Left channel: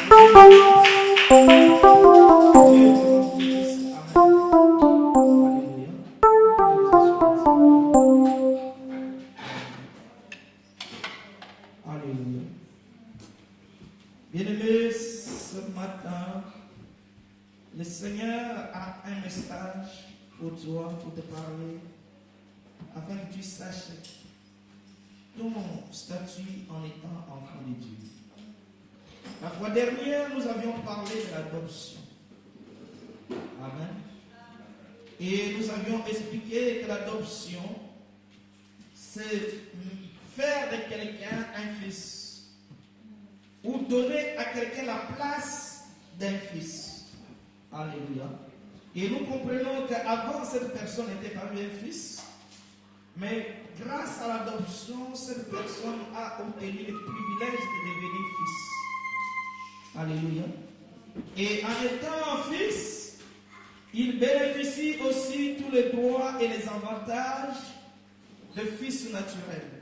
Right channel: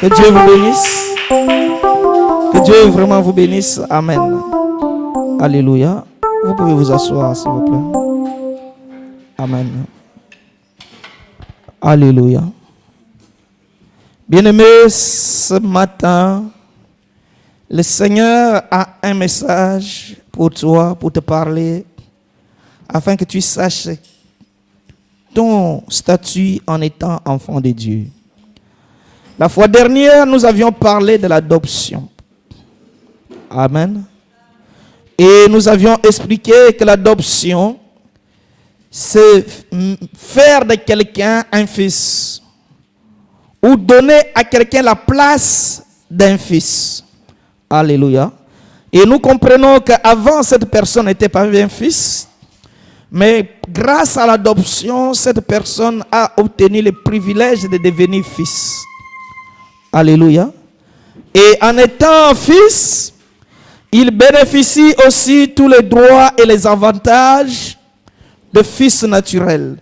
Que Dieu vous bénisse. Que Dieu vraiment vous bénisse. Amen. Alléluia. Vous pouvez vous asseoir, s'il vous plaît. Amen. Alléluia. Bien-aimés, ce matin, le Seigneur a un message pour toi, pour te parler, afin que tu saches ton statut en étant enfant de Dieu. La fois dernière, nous avions parlé de l'adoption. Amen. Et nous avions expliqué que l'adoption, c'est faire de quelqu'un un fils, ou donner à quelqu'un la place d'un fils. Alléluia. Et nous comprenons qu'avant, cette personne n'était pas un fils, mais grâce à l'adoption, cette personne a obtenu le privilège de devenir fils. Alléluia. Et en étant fils, il bénéficie aussi tous les droits et les avantages de fils naturel.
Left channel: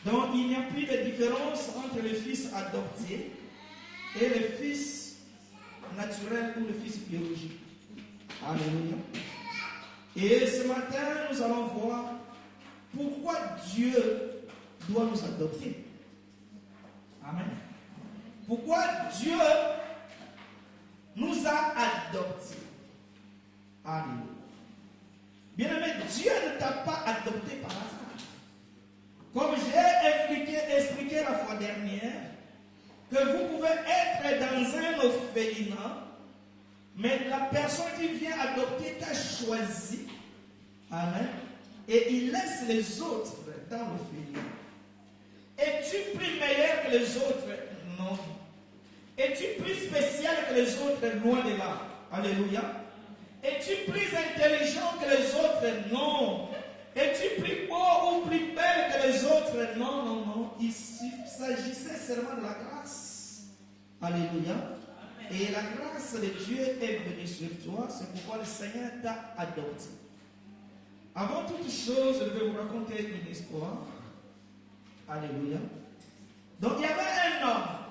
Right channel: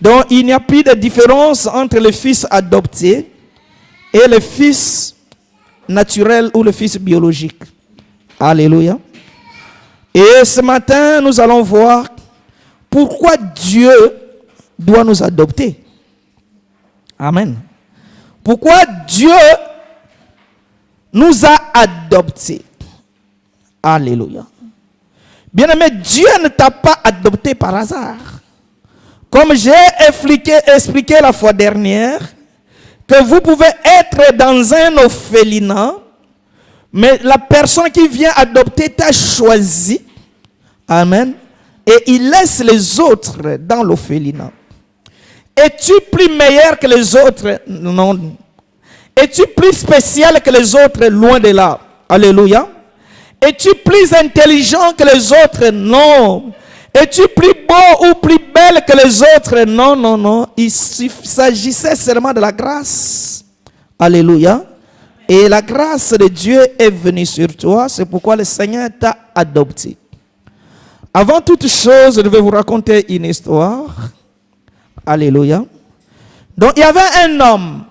Donc il n'y a plus de différence entre le fils adopté et le fils naturel ou le fils biologique. Alléluia. Et ce matin, nous allons voir pourquoi Dieu doit nous adopter. Amen. Pourquoi Dieu nous a adoptés. Alléluia. Bien-aimé, Dieu ne t'a pas adopté par hasard. Comme j'ai expliqué la fois dernière, que vous pouvez être dans un orphelinat, mais la personne qui vient adopter t'a choisi. Amen. Et il laisse les autres dans l'orphelinat. Es-tu plus meilleur que les autres? Non. Es-tu plus spécial que les autres? Loin de là. Alléluia. Es-tu plus intelligent que les autres? Non. Es-tu plus beau ou plus belle que les autres? Non, non, non. Il s'agissait seulement de la grâce. Alléluia. Et la grâce de Dieu est venue sur toi. C'est pourquoi le Seigneur t'a adopté. Avant toute chose, je vais vous raconter une histoire. Alléluia. Donc il y avait un homme.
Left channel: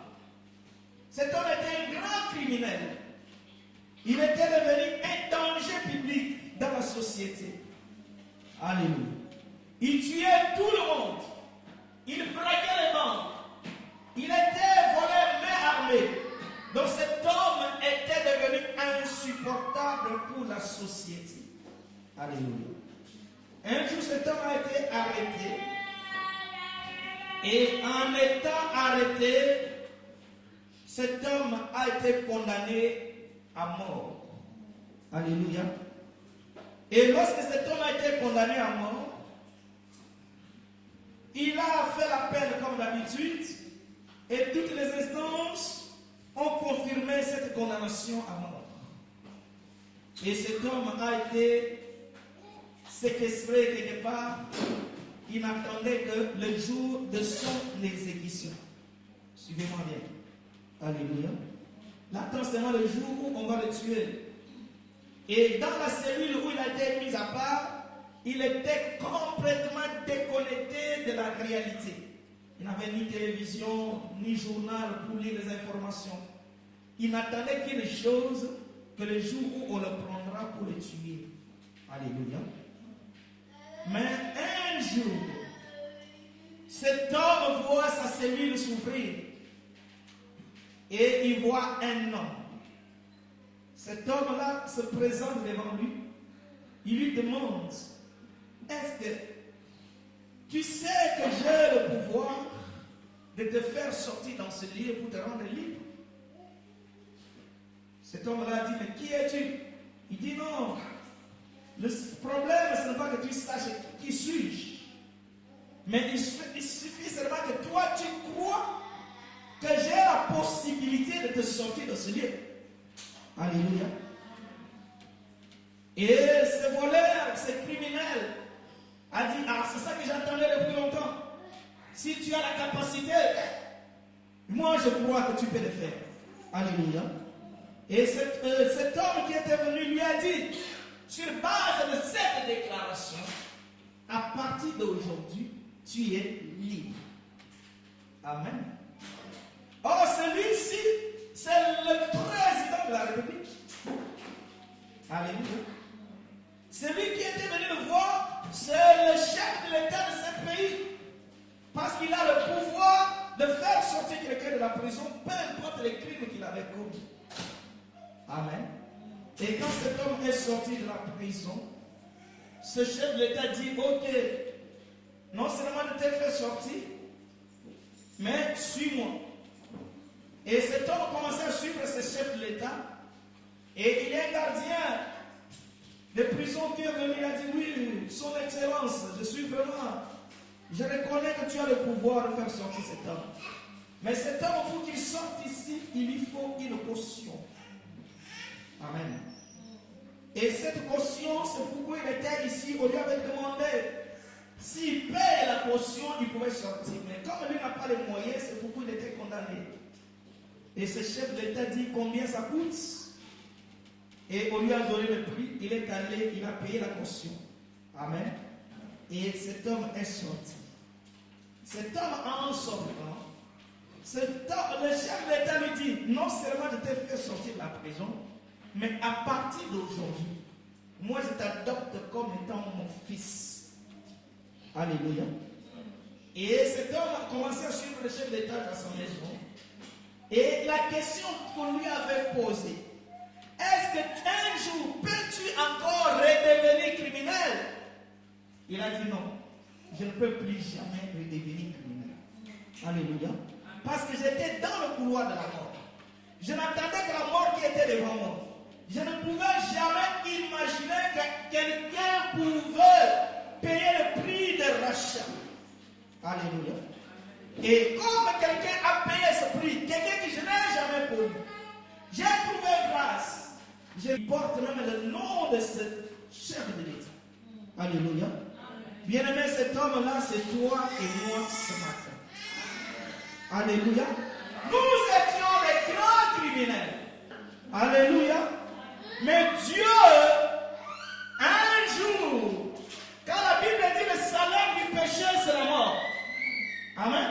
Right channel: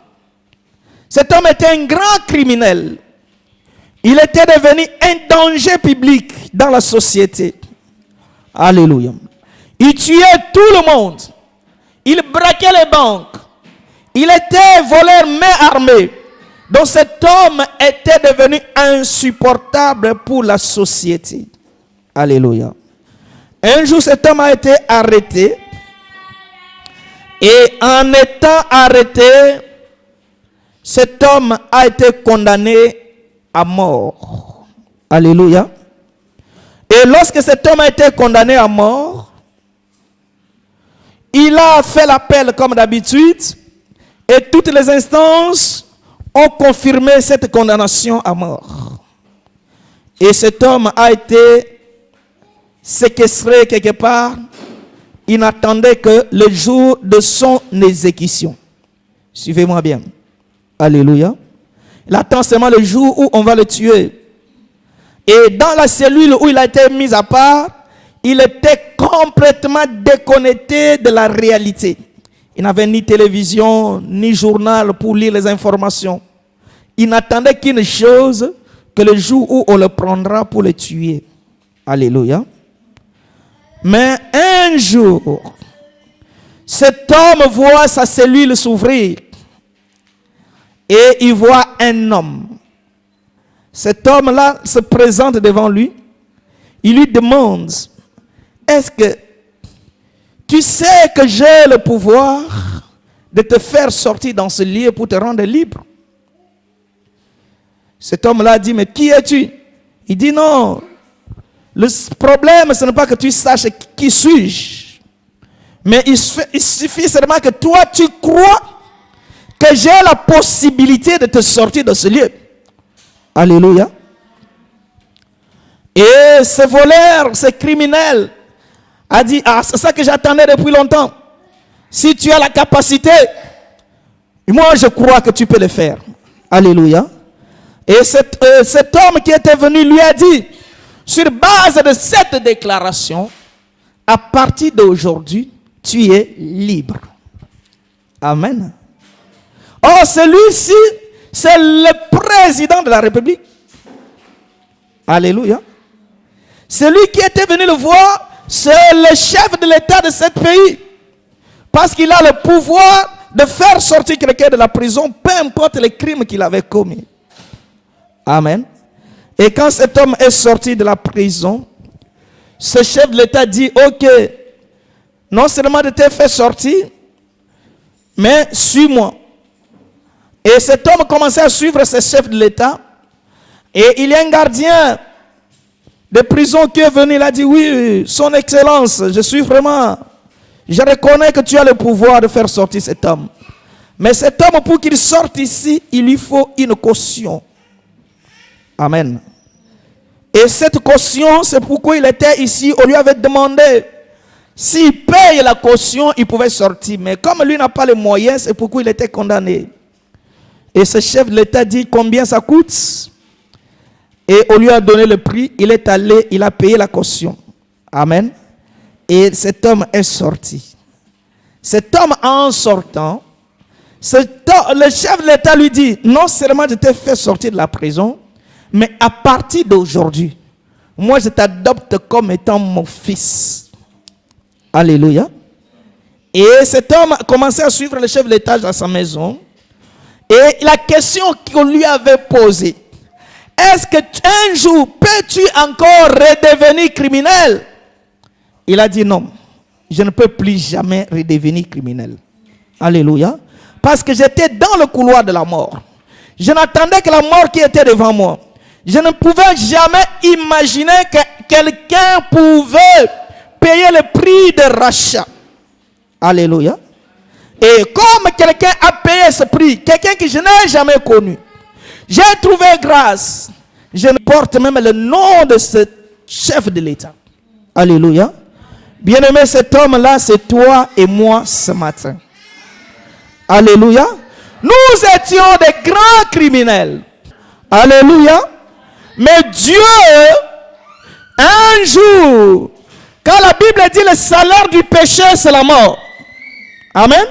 Cet homme était un grand criminel. Il était devenu un danger public dans la société. Alléluia. Il tuait tout le monde. Il braquait les banques. Il était voleur main armée. Donc cet homme était devenu insupportable pour la société. Alléluia. Un jour, cet homme a été arrêté. Et en étant arrêté, cet homme a été condamné à mort. Alléluia. Et lorsque cet homme a été condamné à mort, il a fait l'appel comme d'habitude et toutes les instances ont confirmé cette condamnation à mort. Et cet homme a été séquestré quelque part. Il n'attendait que le jour de son exécution. Suivez-moi bien. Alléluia. Il attend seulement le jour où on va le tuer. Et dans la cellule où il a été mis à part, il était complètement déconnecté de la réalité. Il n'avait ni télévision, ni journal pour lire les informations. Il n'attendait qu'une chose, que le jour où on le prendra pour le tuer. Alléluia. Mais un jour, cet homme voit sa cellule s'ouvrir et il voit un homme. Cet homme-là se présente devant lui. Il lui demande, est-ce que tu sais que j'ai le pouvoir de te faire sortir dans ce lieu pour te rendre libre? Cet homme-là dit, mais qui es-tu? Il dit, non. Le problème, ce n'est pas que tu saches qui suis-je. Mais il suffit seulement que toi, tu crois que j'ai la possibilité de te sortir de ce lieu. Alléluia. Et ce voleur, ce criminel, a dit, ah, c'est ça que j'attendais depuis longtemps. Si tu as la capacité, moi je crois que tu peux le faire. Alléluia. Et cet homme qui était venu lui a dit, sur base de cette déclaration, à partir d'aujourd'hui, tu es libre. Amen. Or, celui-ci c'est le président de la République. Alléluia. Celui qui était venu le voir, c'est le chef de l'État de ce pays. Parce qu'il a le pouvoir de faire sortir quelqu'un de la prison, peu importe les crimes qu'il avait commis. Amen. Et quand cet homme est sorti de la prison, ce chef de l'État dit, ok, non seulement de te faire sortir, mais suis-moi. Et cet homme commençait à suivre ce chef de l'État. Et il y a un gardien de prison qui est venu, il a dit, oui, son excellence, je reconnais que tu as le pouvoir de faire sortir cet homme. Mais cet homme, pour qu'il sorte ici, il lui faut une caution. Amen. Et cette caution, c'est pourquoi il était ici. On lui avait demandé, s'il paye la caution, il pouvait sortir. Mais comme lui n'a pas les moyens, c'est pourquoi il était condamné. Et ce chef de l'État dit combien ça coûte. Et on lui a donné le prix. Il est allé, il a payé la caution. Amen. Et cet homme est sorti. Cet homme, en sortant, le chef de l'État lui dit, non seulement je t'ai fait sortir de la prison, mais à partir d'aujourd'hui, moi je t'adopte comme étant mon fils. Alléluia. Et cet homme a commencé à suivre le chef de l'État dans sa maison. Et la question qu'on lui avait posée, est-ce que un jour peux-tu encore redevenir criminel? Il a dit non, je ne peux plus jamais redevenir criminel. Alléluia. Parce que j'étais dans le couloir de la mort. Je n'attendais que la mort qui était devant moi. Je ne pouvais jamais imaginer que quelqu'un pouvait payer le prix de rachat. Alléluia. Et comme quelqu'un a payé ce prix, quelqu'un que je n'ai jamais connu, j'ai trouvé grâce. Je porte même le nom de ce chef de l'État. Alléluia. Bien-aimé, cet homme-là, c'est toi et moi ce matin. Alléluia. Nous étions des grands criminels. Alléluia. Mais Dieu, un jour, quand la Bible dit le salaire du péché, c'est la mort. Amen.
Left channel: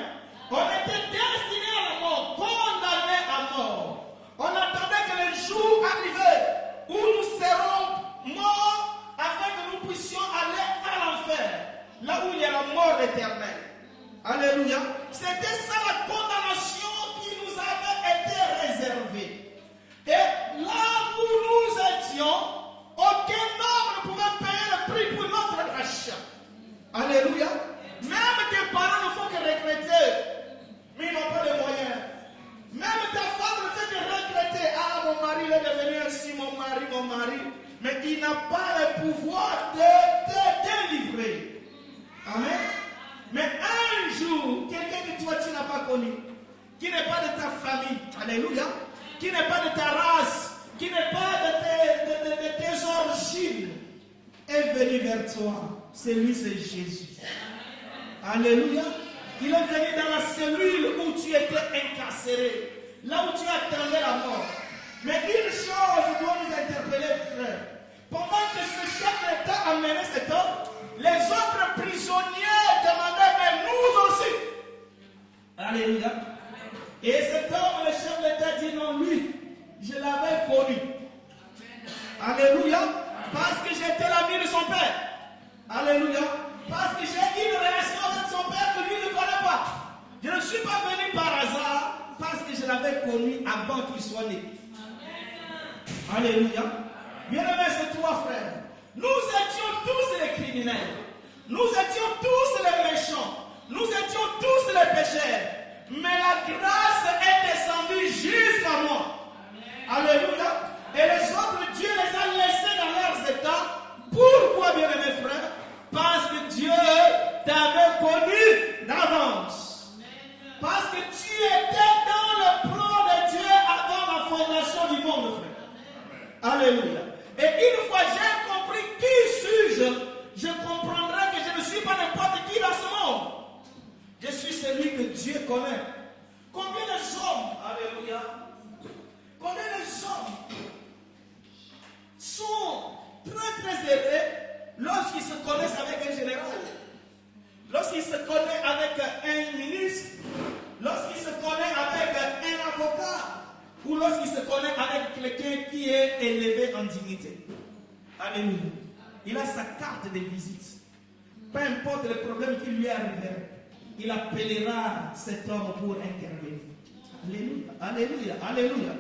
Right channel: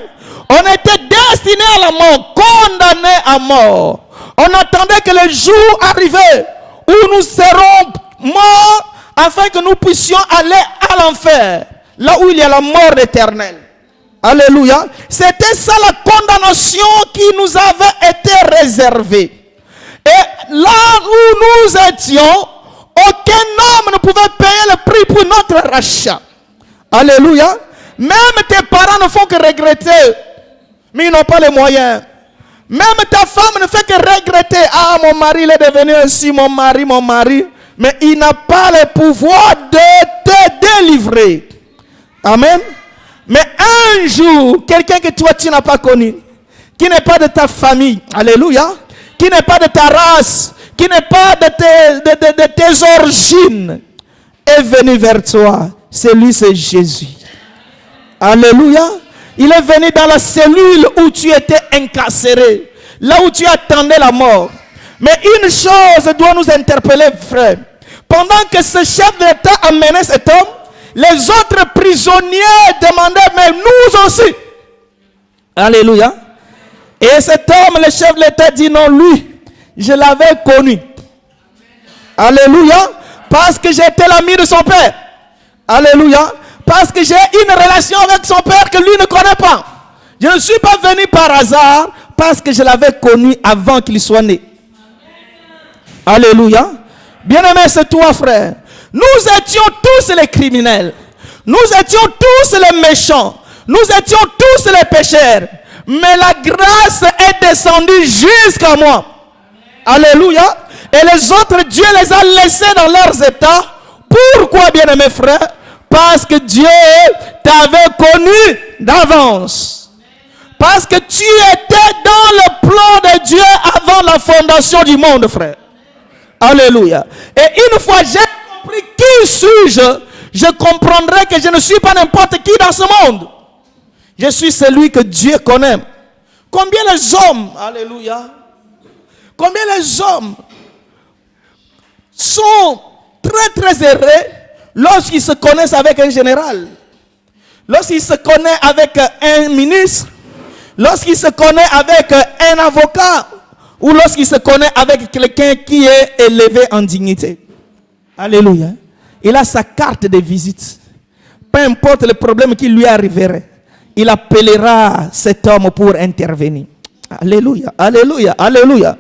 On était destinés à la mort, condamnés à mort. On attendait que le jour arrivait où nous serons morts afin que nous puissions aller à l'enfer, là où il y a la mort éternelle. Alléluia. C'était ça la condamnation qui nous avait été réservée. Et là où nous étions, aucun homme ne pouvait payer le prix pour notre rachat. Alléluia. Même tes parents ne font que regretter, mais ils n'ont pas les moyens. Même ta femme ne fait que regretter. Ah, mon mari il est devenu ainsi, mon mari. Mais il n'a pas le pouvoir de te délivrer. Amen. Mais un jour, quelqu'un que toi tu n'as pas connu, qui n'est pas de ta famille, alléluia, qui n'est pas de ta race, qui n'est pas de tes origines, est venu vers toi. C'est lui, c'est Jésus. Alléluia. Il est venu dans la cellule où tu étais incarcéré, là où tu attendais la mort. Mais une chose doit nous interpeller, frère. Pendant que ce chef d'État amenait cet homme, les autres prisonniers demandaient, mais nous aussi. Alléluia. Et cet homme, le chef de l'État, dit non, lui, je l'avais connu. Alléluia. Parce que j'étais l'ami de son père. Alléluia. Parce que j'ai une relation avec son père que lui ne connaît pas. Je ne suis pas venu par hasard, parce que je l'avais connu avant qu'il soit né. Alléluia. Bien-aimé, c'est toi, frère. Nous étions tous les criminels. Nous étions tous les méchants. Nous étions tous les pécheurs. Mais la grâce est descendue jusqu'à moi. Alléluia. Et les autres, Dieu les a laissés dans leurs états. Pourquoi, bien-aimé frère? Parce que Dieu t'avait connu d'avance. Parce que tu étais dans le plan de Dieu avant la fondation du monde, frère. Alléluia. Et une fois j'ai compris qui suis-je, je comprendrai que je ne suis pas n'importe qui dans ce monde. Je suis celui que Dieu connaît. Combien les hommes, alléluia, combien les hommes sont très heureux lorsqu'ils se connaissent avec un général, lorsqu'ils se connaissent avec un ministre, lorsqu'ils se connaissent avec un avocat, ou lorsqu'il se connaît avec quelqu'un qui est élevé en dignité. Alléluia. Il a sa carte de visite. Peu importe le problème qui lui arriverait, il appellera cet homme pour intervenir. Alléluia, alléluia, alléluia.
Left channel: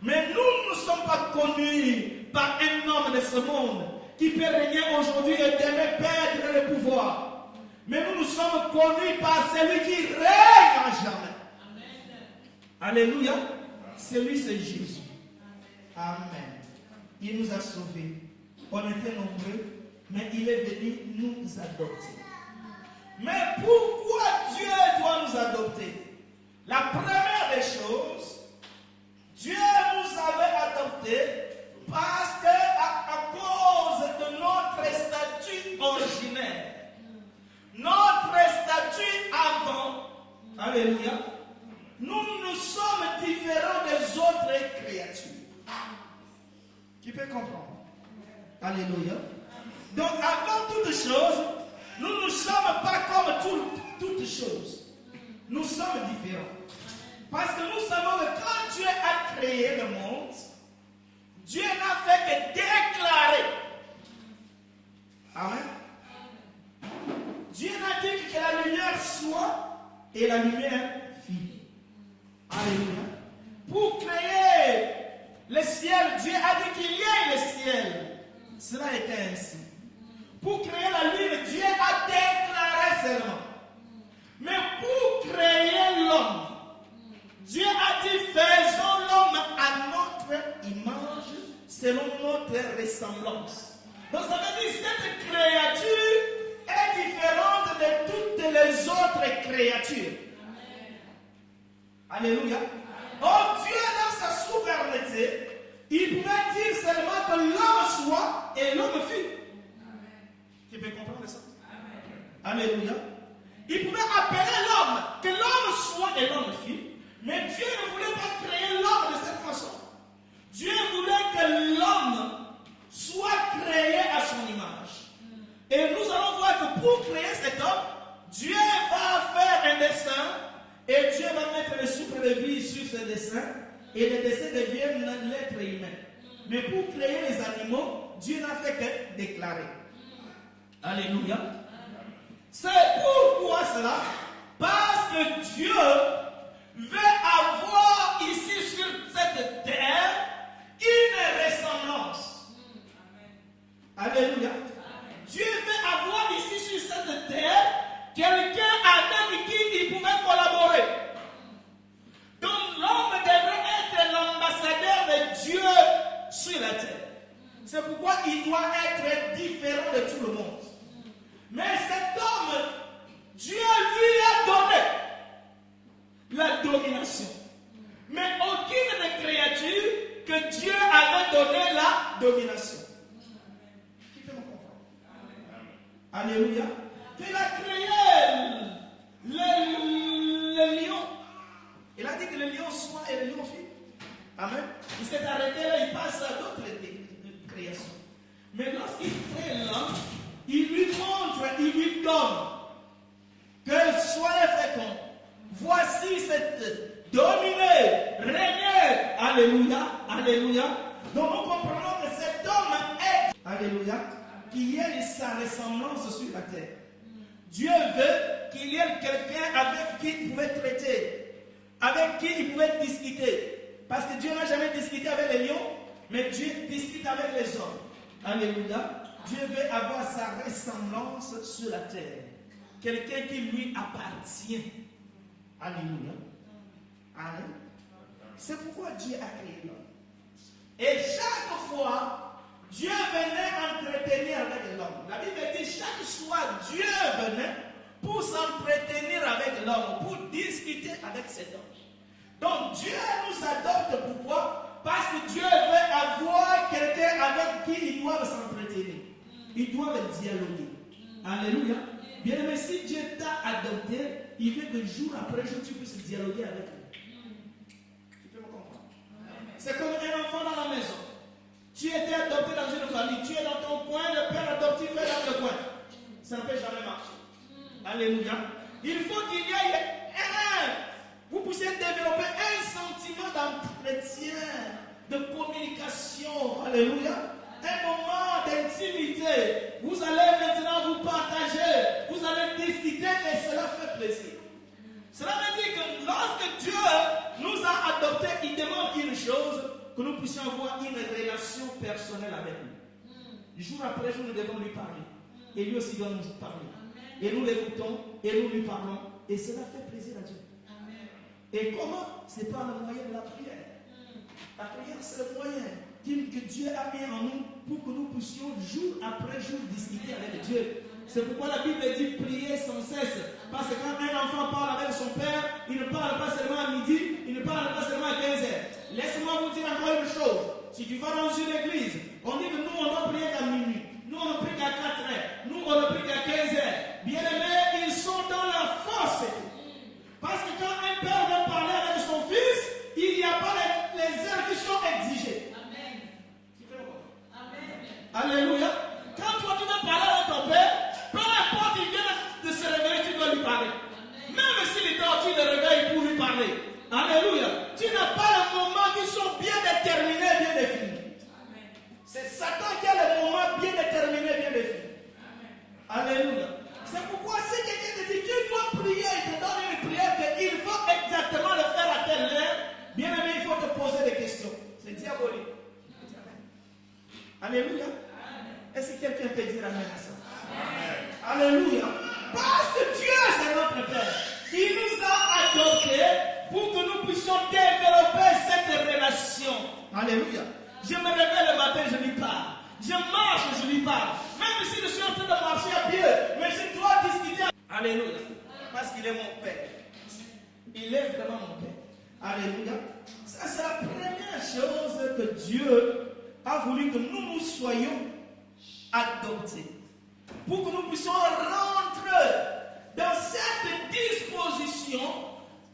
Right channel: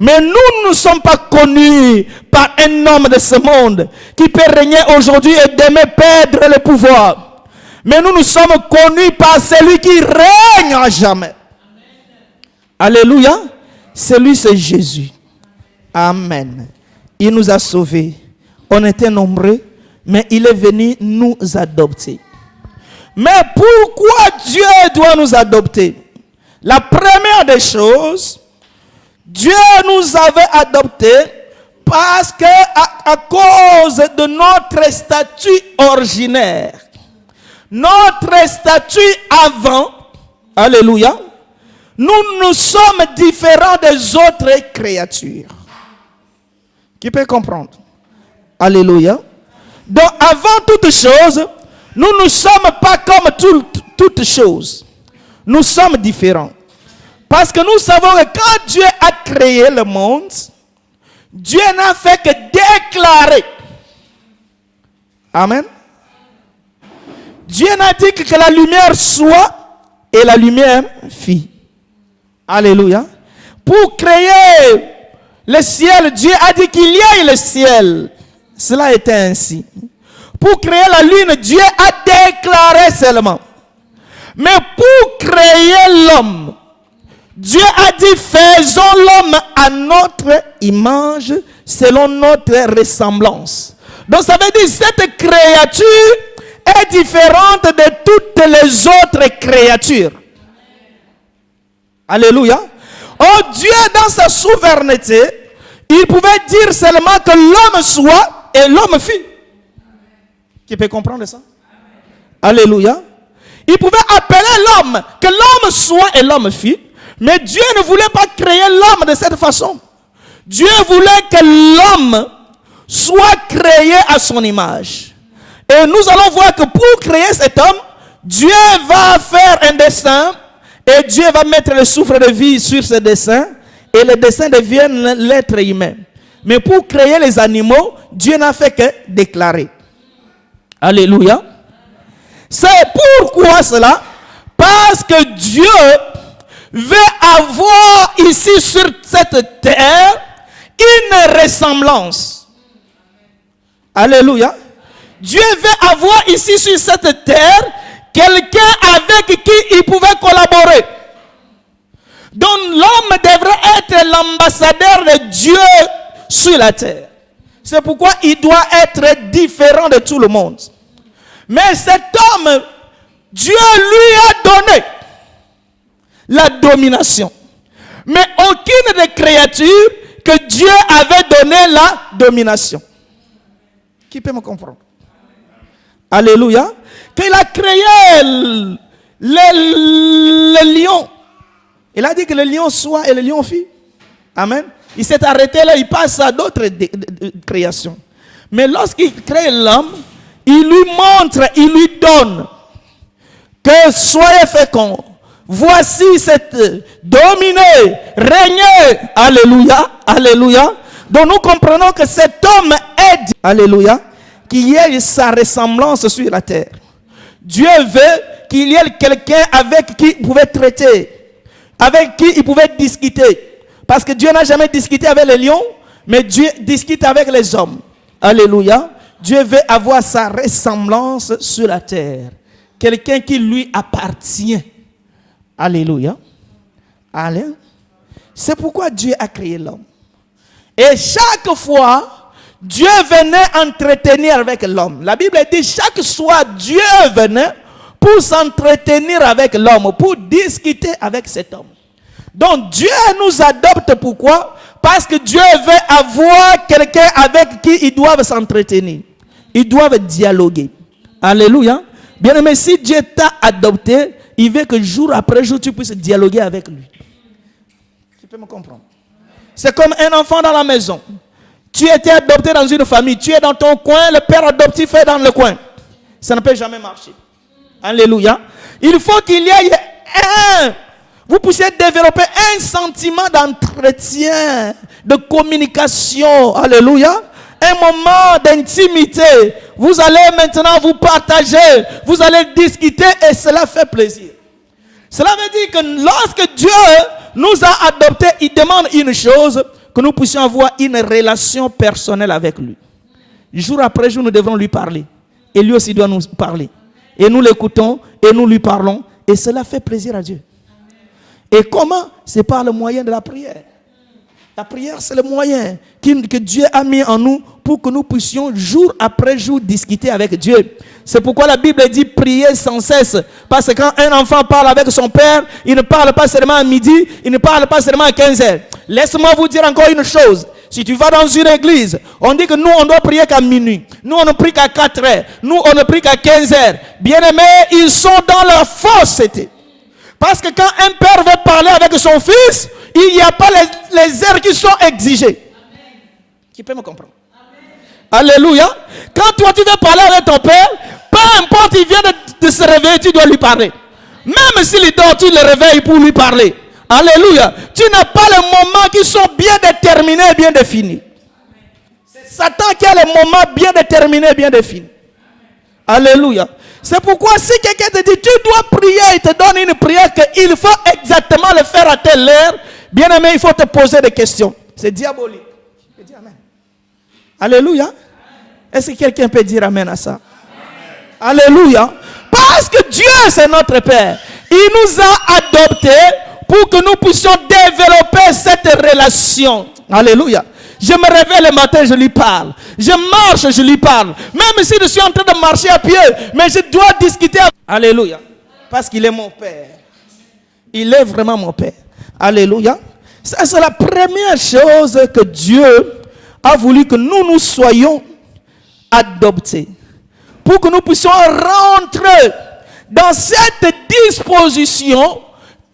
Mais nous ne sommes pas connus par un homme de ce monde qui peut régner aujourd'hui et demain perdre le pouvoir. Mais nous sommes connus par celui qui règne à jamais. Alléluia. Celui, c'est Jésus. Amen. Il nous a sauvés. On était nombreux, mais il est venu nous adopter. Mais pourquoi Dieu doit nous adopter? La première des choses, Dieu nous avait adoptés parce que à cause de notre statut originaire, notre statut avant, alléluia, nous sommes différents des autres créatures. Qui peut comprendre? Alléluia. Donc avant toute chose, nous ne sommes pas comme toutes choses. Nous sommes différents. Parce que nous savons que quand Dieu a créé le monde, Dieu n'a fait que déclarer. Amen. Dieu n'a dit que la lumière soit et la lumière fit. Alléluia. Pour créer le ciel, Dieu a dit qu'il y ait le ciel. Cela était ainsi. Pour créer la lune, Dieu a déclaré seulement. Mais pour créer l'homme, Dieu a dit faisons l'homme à notre image selon notre ressemblance. Donc ça veut dire cette créature est différente de toutes les autres créatures. Alléluia. Oh Dieu dans sa souveraineté, il pouvait dire seulement que l'homme soit et l'homme fit. Qui peut comprendre ça? Alléluia. Il pouvait appeler l'homme, que l'homme soit et l'homme fit. Mais Dieu ne voulait pas créer l'homme de cette façon. Dieu voulait que l'homme soit créé à son image. Et nous allons voir que pour créer cet homme, Dieu va faire un dessin et Dieu va mettre le souffle de vie sur ce dessin et le dessin devient l'être humain. Mais pour créer les animaux, Dieu n'a fait que déclarer. Alléluia. C'est pourquoi cela? Parce que Dieu veut avoir ici sur cette terre une ressemblance. Alléluia. Dieu veut avoir ici sur cette terre quelqu'un avec qui il pouvait collaborer. Donc l'homme devrait être l'ambassadeur de Dieu sur la terre. C'est pourquoi il doit être différent de tout le monde. Mais cet homme, Dieu lui a donné la domination. Mais aucune des créatures que Dieu avait donné la domination. Qui peut me comprendre? Alléluia. Qu'il a créé le lion. Il a dit que le lion soit et le lion fit. Amen. Il s'est arrêté là, il passe à d'autres créations. Mais lorsqu'il crée l'homme, il lui montre, il lui donne que soyez féconds. Voici cette dominée, régnez. Alléluia, alléluia. Donc nous comprenons que cet homme est, alléluia, qu'il y ait sa ressemblance sur la terre. Dieu veut qu'il y ait quelqu'un avec qui il pouvait traiter, avec qui il pouvait discuter. Parce que Dieu n'a jamais discuté avec les lions, mais Dieu discute avec les hommes. Alléluia. Dieu veut avoir sa ressemblance sur la terre. Quelqu'un qui lui appartient. Alléluia. Alléluia. C'est pourquoi Dieu a créé l'homme. Et chaque fois, Dieu venait entretenir avec l'homme. La Bible dit chaque soir, Dieu venait pour s'entretenir avec l'homme, pour discuter avec cet homme. Donc Dieu nous adopte, pourquoi? Parce que Dieu veut avoir quelqu'un avec qui ils doivent s'entretenir. Ils doivent dialoguer. Alléluia. Bien aimé, si Dieu t'a adopté, il veut que jour après jour, tu puisses dialoguer avec lui. Tu peux me comprendre? C'est comme un enfant dans la maison. Tu étais adopté dans une famille. Tu es dans ton coin, le père adoptif est dans le coin. Ça ne peut jamais marcher. Alléluia. Il faut qu'il y ait un... vous puissiez développer un sentiment d'entretien, de communication. Alléluia. Un moment d'intimité. Vous allez maintenant vous partager, vous allez discuter et cela fait plaisir. Cela veut dire que lorsque Dieu nous a adoptés, il demande une chose, que nous puissions avoir une relation personnelle avec lui. Jour après jour, nous devrons lui parler. Et lui aussi doit nous parler. Et nous l'écoutons et nous lui parlons. Et cela fait plaisir à Dieu. Et comment? C'est par le moyen de la prière. La prière, c'est le moyen que Dieu a mis en nous pour que nous puissions jour après jour discuter avec Dieu. C'est pourquoi la Bible dit prier sans cesse. Parce que quand un enfant parle avec son père, il ne parle pas seulement à midi, il ne parle pas seulement à 15 heures. Laisse-moi vous dire encore une chose. Si tu vas dans une église, on dit que nous, on doit prier qu'à minuit. Nous, on ne prie qu'à 4 heures. Nous, on ne prie qu'à 15 heures. Bien-aimés, ils sont dans leur fausseté. Parce que quand un père veut parler avec son fils, il n'y a pas les heures qui sont exigées. Amen. Qui peut me comprendre? Amen. Alléluia. Quand toi, tu veux parler avec ton père, peu importe, il vient de se réveiller, tu dois lui parler. Même s'il dort, tu le réveilles pour lui parler. Alléluia. Tu n'as pas les moments qui sont bien déterminés, bien définis. C'est Satan qui a les moments bien déterminés, bien définis. Alléluia. C'est pourquoi si quelqu'un te dit, tu dois prier, il te donne une prière qu'il faut exactement le faire à telle heure, bien aimé, il faut te poser des questions. C'est diabolique. Je dis amen. Alléluia. Est-ce que quelqu'un peut dire amen à ça? Amen. Alléluia. Parce que Dieu, c'est notre Père. Il nous a adoptés pour que nous puissions développer cette relation. Alléluia. Je me réveille le matin, je lui parle. Je marche, je lui parle. Même si je suis en train de marcher à pied, mais je dois discuter. Alléluia. Parce qu'il est mon Père. Il est vraiment mon Père. Alléluia. Ça, c'est la première chose que Dieu a voulu que nous soyons adoptés. Pour que nous puissions rentrer dans cette disposition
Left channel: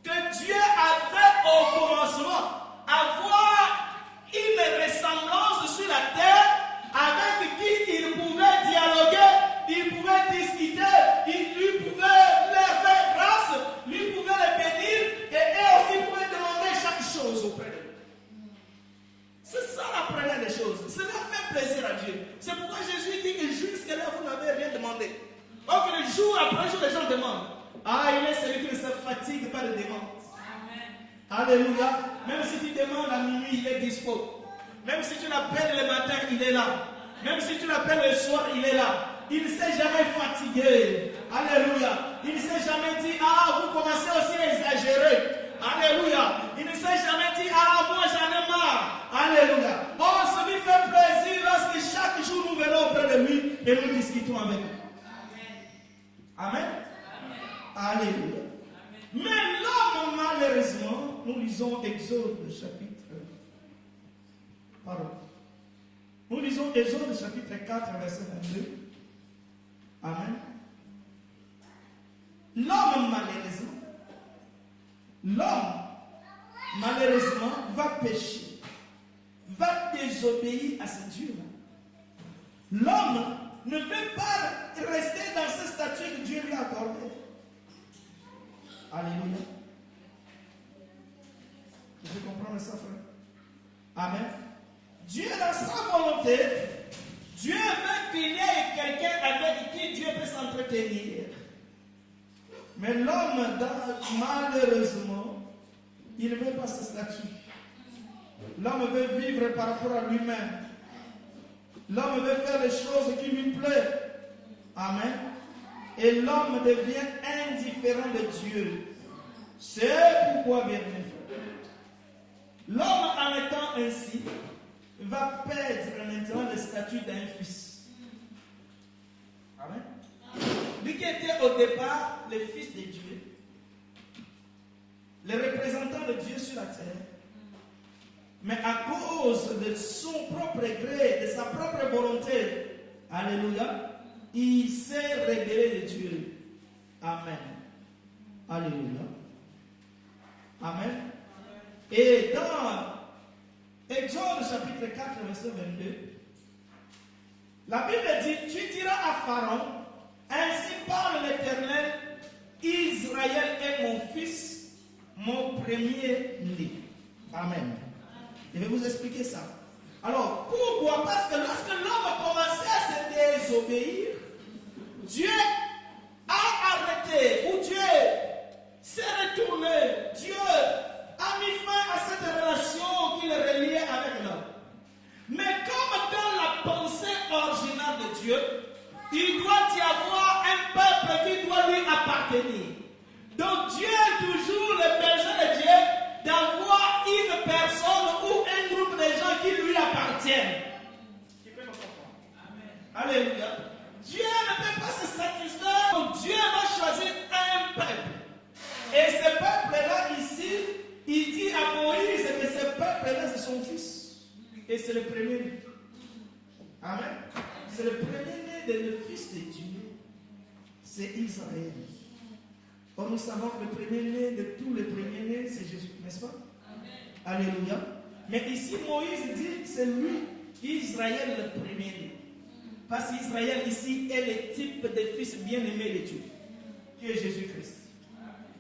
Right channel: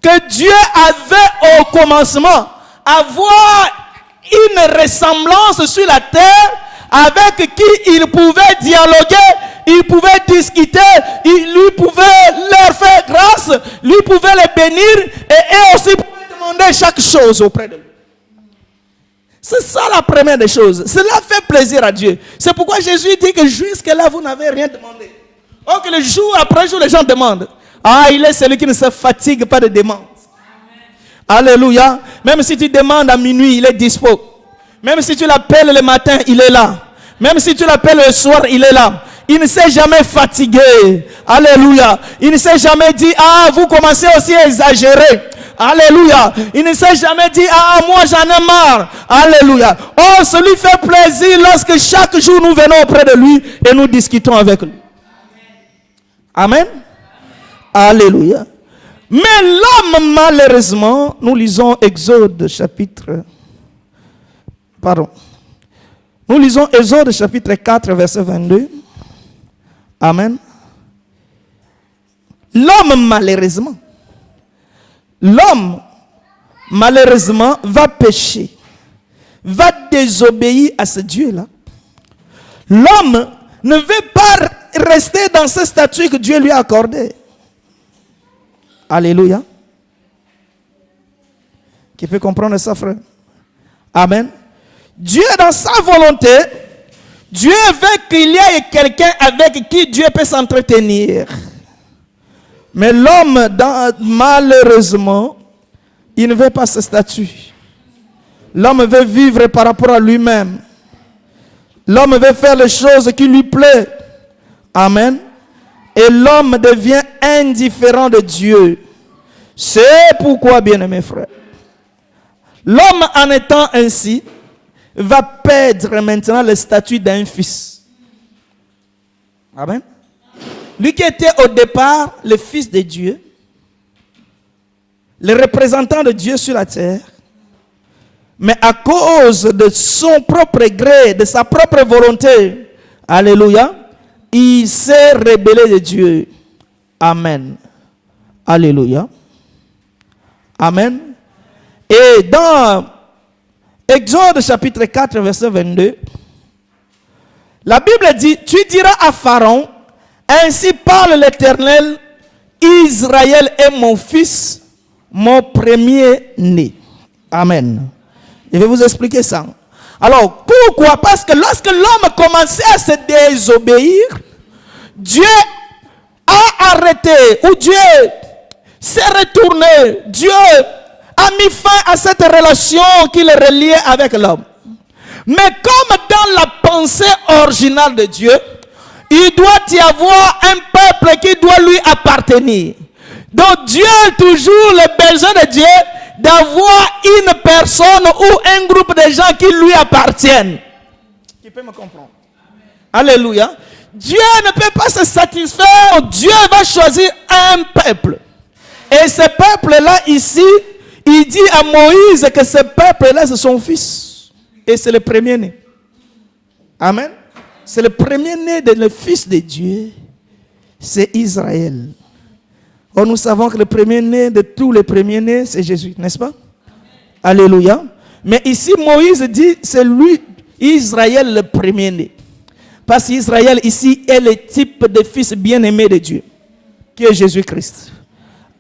que Dieu avait au commencement. Avoir une ressemblance sur la terre avec qui il pouvait dialoguer, il pouvait discuter, il lui pouvait leur faire grâce, lui pouvait les bénir et aussi pouvait demander chaque chose auprès de lui. C'est ça la première des choses. Cela fait plaisir à Dieu. C'est pourquoi Jésus dit que jusque-là vous n'avez rien demandé. Or que le jour après jour les gens demandent. Ah, il est celui qui ne se fatigue pas de demande. Alléluia. Même si tu demandes à minuit, il est dispo. Même si tu l'appelles le matin, il est là. Même si tu l'appelles le soir, il est là. Il ne s'est jamais fatigué. Alléluia. Il ne s'est jamais dit, ah, vous commencez aussi à exagérer. Alléluia. Il ne s'est jamais dit, ah, moi j'en ai marre. Alléluia. Oh, ça lui fait plaisir lorsque chaque jour nous venons auprès de lui et nous discutons avec lui. Amen. Alléluia. Mais l'homme, malheureusement, nous lisons Exode chapitre... Nous lisons Exode chapitre 4, verset 22. Amen. L'homme, malheureusement, va pécher, va désobéir à ce Dieu-là. L'homme ne veut pas rester dans ce statut que Dieu lui a accordé. Alléluia. Qui peut comprendre ça, frère? Amen. Dieu, dans sa volonté, Dieu veut qu'il y ait quelqu'un avec qui Dieu peut s'entretenir. Mais l'homme, malheureusement, il ne veut pas ce statut. L'homme veut vivre par rapport à lui-même. L'homme veut faire les choses qui lui plaisent. Amen. Et l'homme devient indifférent de Dieu. C'est pourquoi, bien-aimés frères, l'homme en étant ainsi va perdre maintenant le statut d'un fils. Amen. Lui qui était au départ le fils de Dieu, le représentant de Dieu sur la terre, mais à cause de son propre gré, de sa propre volonté, alléluia, il s'est rebellé de Dieu. Amen. Alléluia. Amen. Et dans Exode chapitre 4, verset 22, la Bible dit, tu diras à Pharaon, ainsi parle l'Éternel, Israël est mon fils, mon premier-né. Amen. Je vais vous expliquer ça. Alors, pourquoi? Parce que lorsque l'homme commençait à se désobéir, Dieu a arrêté, ou Dieu s'est retourné. Dieu a mis fin à cette relation qui le reliait avec l'homme. Mais comme dans la pensée originale de Dieu, il doit y avoir un peuple qui doit lui appartenir. Donc Dieu a toujours le besoin de Dieu d'avoir une personne ou un groupe de gens qui lui appartiennent. Qui peut me comprendre? Alléluia. Dieu ne peut pas se satisfaire. Dieu va choisir un peuple. Et ce peuple-là ici, il dit à Moïse que ce peuple-là c'est son fils. Et c'est le premier-né. Amen. C'est le premier-né de le fils de Dieu. C'est Israël. Or, nous savons que le premier-né de tous les premiers-nés, c'est Jésus, n'est-ce pas? Amen. Alléluia. Mais ici, Moïse dit, c'est lui, Israël, le premier-né. Parce qu'Israël, ici, est le type de fils bien-aimé de Dieu, qui est Jésus-Christ.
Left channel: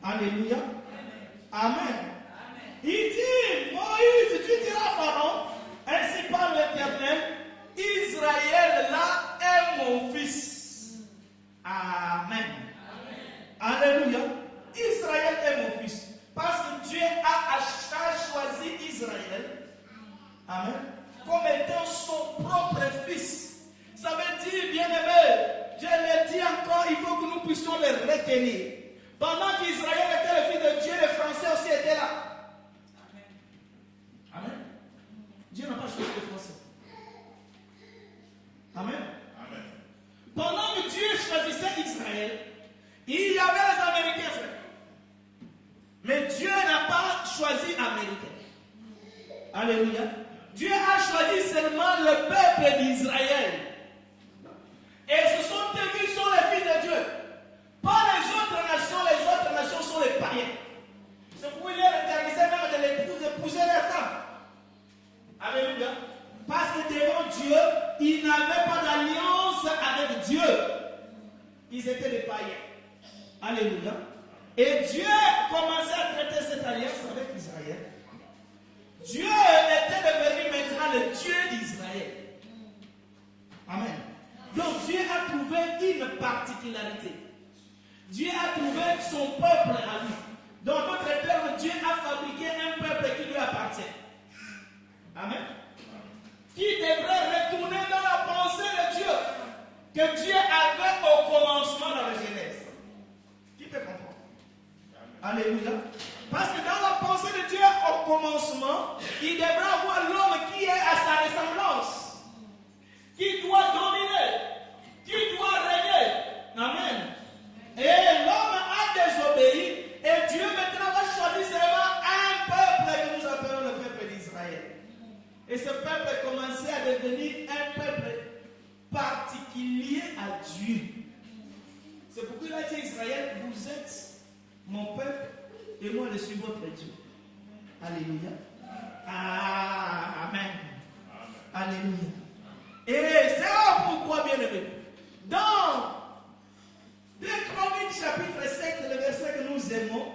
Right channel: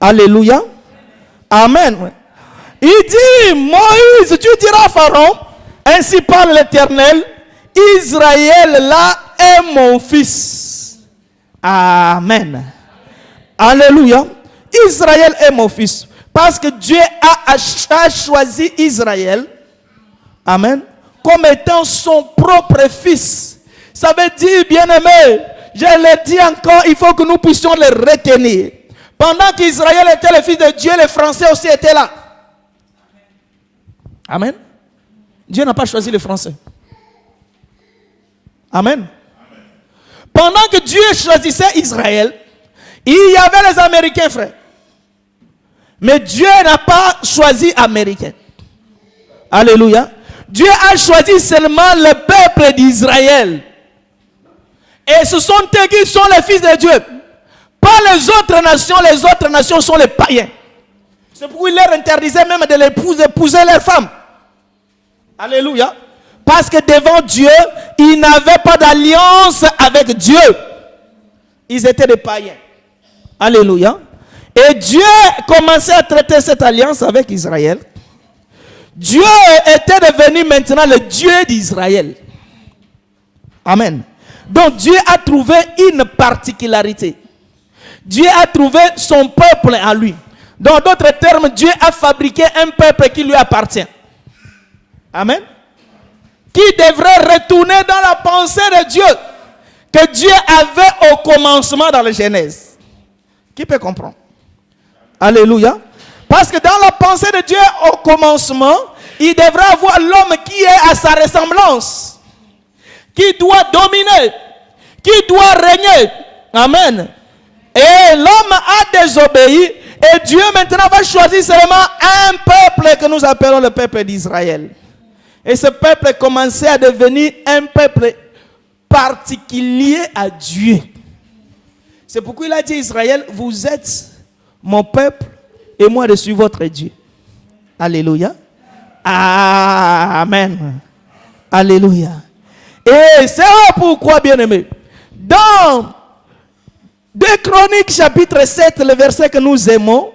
Alléluia. Amen. Il dit, Moïse, tu diras à Pharaon, ainsi parle l'Éternel, Israël, là, est mon fils. Amen. Alléluia. Israël est mon fils. Parce que Dieu a choisi Israël, amen, comme étant son propre fils. Ça veut dire, bien-aimé, je le dis encore, il faut que nous puissions le retenir. Pendant qu'Israël était le fils de Dieu, les Français aussi étaient là. Amen. Dieu n'a pas choisi les Français. Amen. Pendant que Dieu choisissait Israël, il y avait les Américains, frère. Mais Dieu n'a pas choisi Américains. Alléluia. Dieu a choisi seulement le peuple d'Israël. Et ce sont eux qui sont les fils de Dieu. Pas les autres nations sont les païens. C'est pourquoi il leur interdisait même de d'épouser leurs femmes. Alléluia. Parce que devant Dieu, ils n'avaient pas d'alliance avec Dieu. Ils étaient des païens. Alléluia. Et Dieu commençait à traiter cette alliance avec Israël. Dieu était devenu maintenant le Dieu d'Israël. Amen. Donc Dieu a trouvé une particularité. Dieu a trouvé son peuple en lui. Dans d'autres termes, Dieu a fabriqué un peuple qui lui appartient. Amen. Qui devrait retourner dans la pensée de Dieu que Dieu avait au commencement dans la Genèse. Qui peut comprendre? Alléluia. Parce que dans la pensée de Dieu au commencement, il devrait avoir l'homme qui est à sa ressemblance, qui doit dominer, qui doit régner. Amen. Et l'homme a désobéi et Dieu maintenant va choisir seulement un peuple que nous appelons le peuple d'Israël. Et ce peuple commençait à devenir un peuple particulier à Dieu. C'est pourquoi il a dit Israël, vous êtes mon peuple et moi je suis votre Dieu. Alléluia. Amen. Alléluia. Et c'est pourquoi, bien-aimés, dans 2 Chroniques chapitre 7, le verset que nous aimons,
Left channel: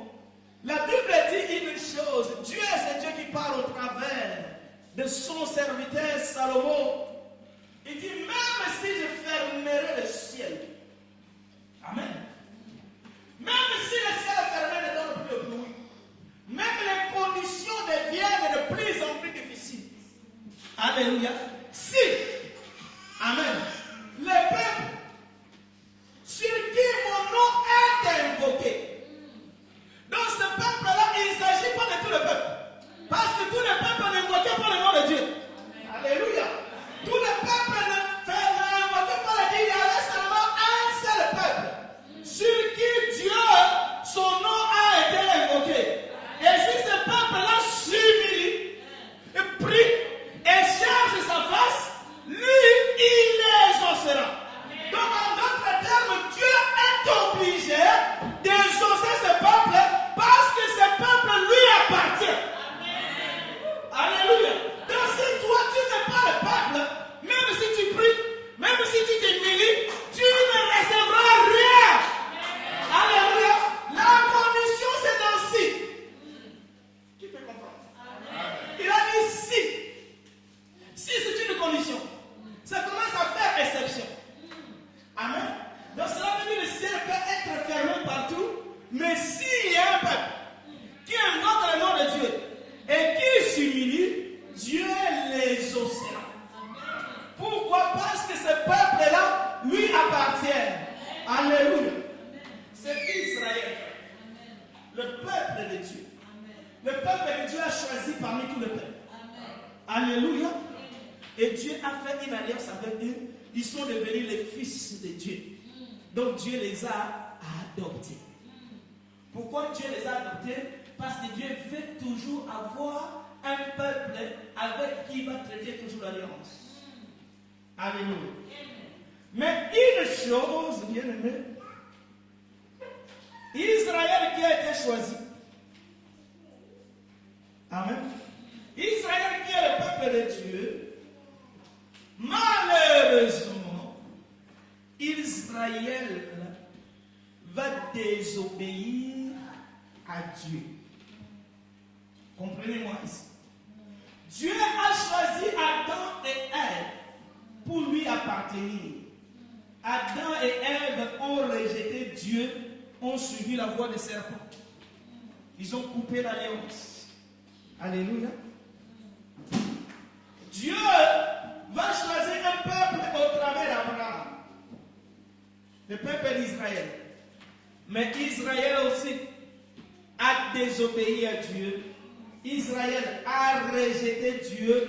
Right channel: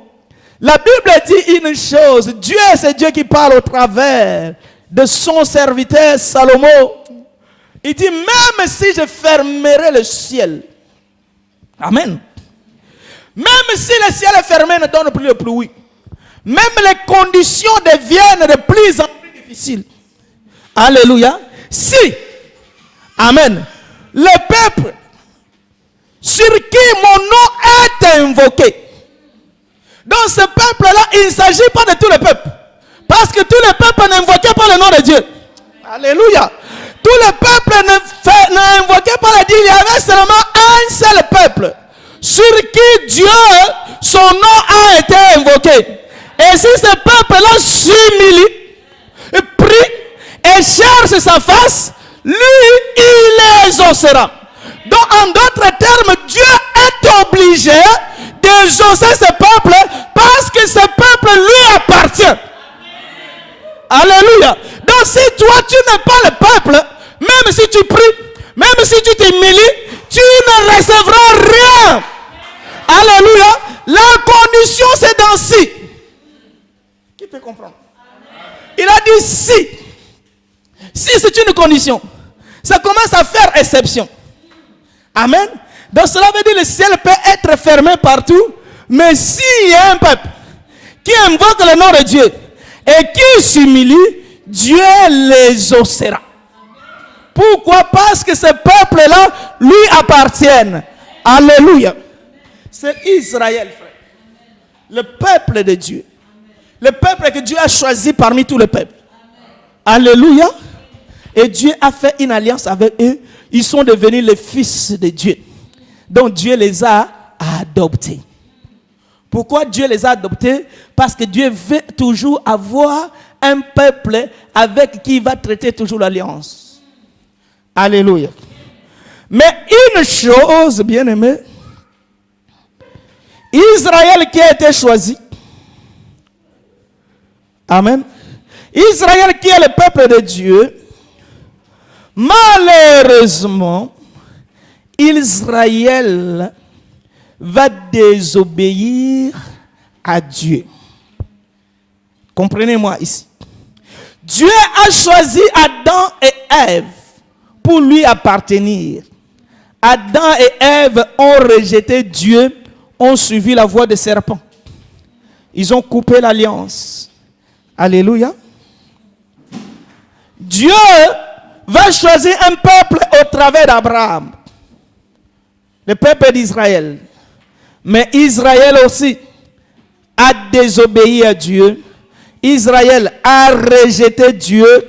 la Bible dit une chose. Dieu, c'est Dieu qui parle au travers de son serviteur Salomon. Il dit, même si je fermerai le ciel, amen. Même si le ciel est fermé, ne donne plus de pluie. Même les conditions deviennent de plus en plus difficiles. Alléluia. Si, amen, le peuple sur qui mon nom est invoqué. Dans ce peuple-là, il ne s'agit pas de tout le peuple. Parce que tout le peuple n'invoquait pas le nom de Dieu. Alléluia. Tout le peuple n'invoquait pas le Dieu. Il y avait seulement un seul peuple sur qui Dieu, son nom a été invoqué. Et si ce peuple-là s'humilie, prie et cherche sa face, lui, il les exaucera. Donc, en d'autres termes, Dieu est obligé d'exaucer ce peuple parce que ce peuple lui appartient. Amen. Alléluia. Donc, si toi, tu n'es pas le peuple, même si tu pries, même si tu t'humilies, tu ne recevras rien. Alléluia. La condition, c'est dans ci. peux comprendre. Il a dit si c'est une condition, ça commence à faire exception. Amen. Donc cela veut dire que le ciel peut être fermé partout, mais s'il y a un peuple qui invoque le nom de Dieu et qui s'humilie, Dieu les exaucera. Pourquoi? Parce que ce peuple-là lui appartient. Alléluia. C'est Israël, le peuple de Dieu. Le peuple que Dieu a choisi parmi tous les peuples. Alléluia. Et Dieu a fait une alliance avec eux. Ils sont devenus les fils de Dieu. Donc Dieu les a adoptés. Pourquoi Dieu les a adoptés? Parce que Dieu veut toujours avoir un peuple avec qui il va traiter toujours l'alliance. Alléluia. Mais une chose, bien aimé, Israël qui a été choisi. Amen. Israël qui est le peuple de Dieu. Malheureusement, Israël va désobéir à Dieu. Comprenez-moi ici. Dieu a choisi Adam et Ève pour lui appartenir. Adam et Ève ont rejeté Dieu, ont suivi la voie des serpents. Ils ont coupé l'alliance. Alléluia. Dieu va choisir un peuple au travers d'Abraham, le peuple d'Israël. Mais Israël aussi a désobéi à Dieu. Israël a rejeté Dieu.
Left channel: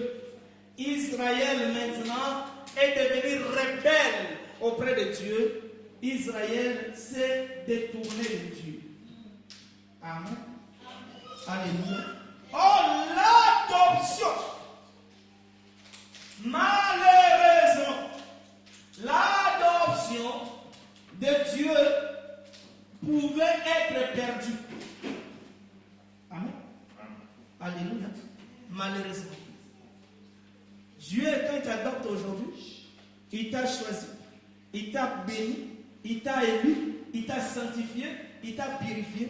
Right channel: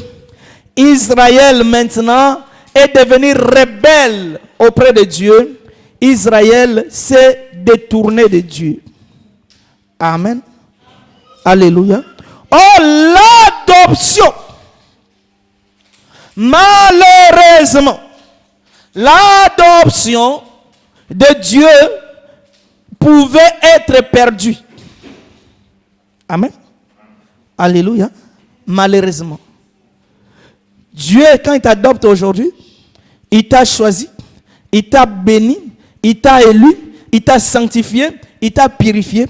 Israël maintenant est devenu rebelle auprès de Dieu. Israël s'est détourné de Dieu. Amen. Alléluia. Oh, l'adoption. Malheureusement, l'adoption de Dieu pouvait être perdue. Amen. Alléluia. Malheureusement. Dieu, quand il t'adopte aujourd'hui, il t'a choisi, il t'a béni, il t'a élu, il t'a sanctifié, il t'a purifié.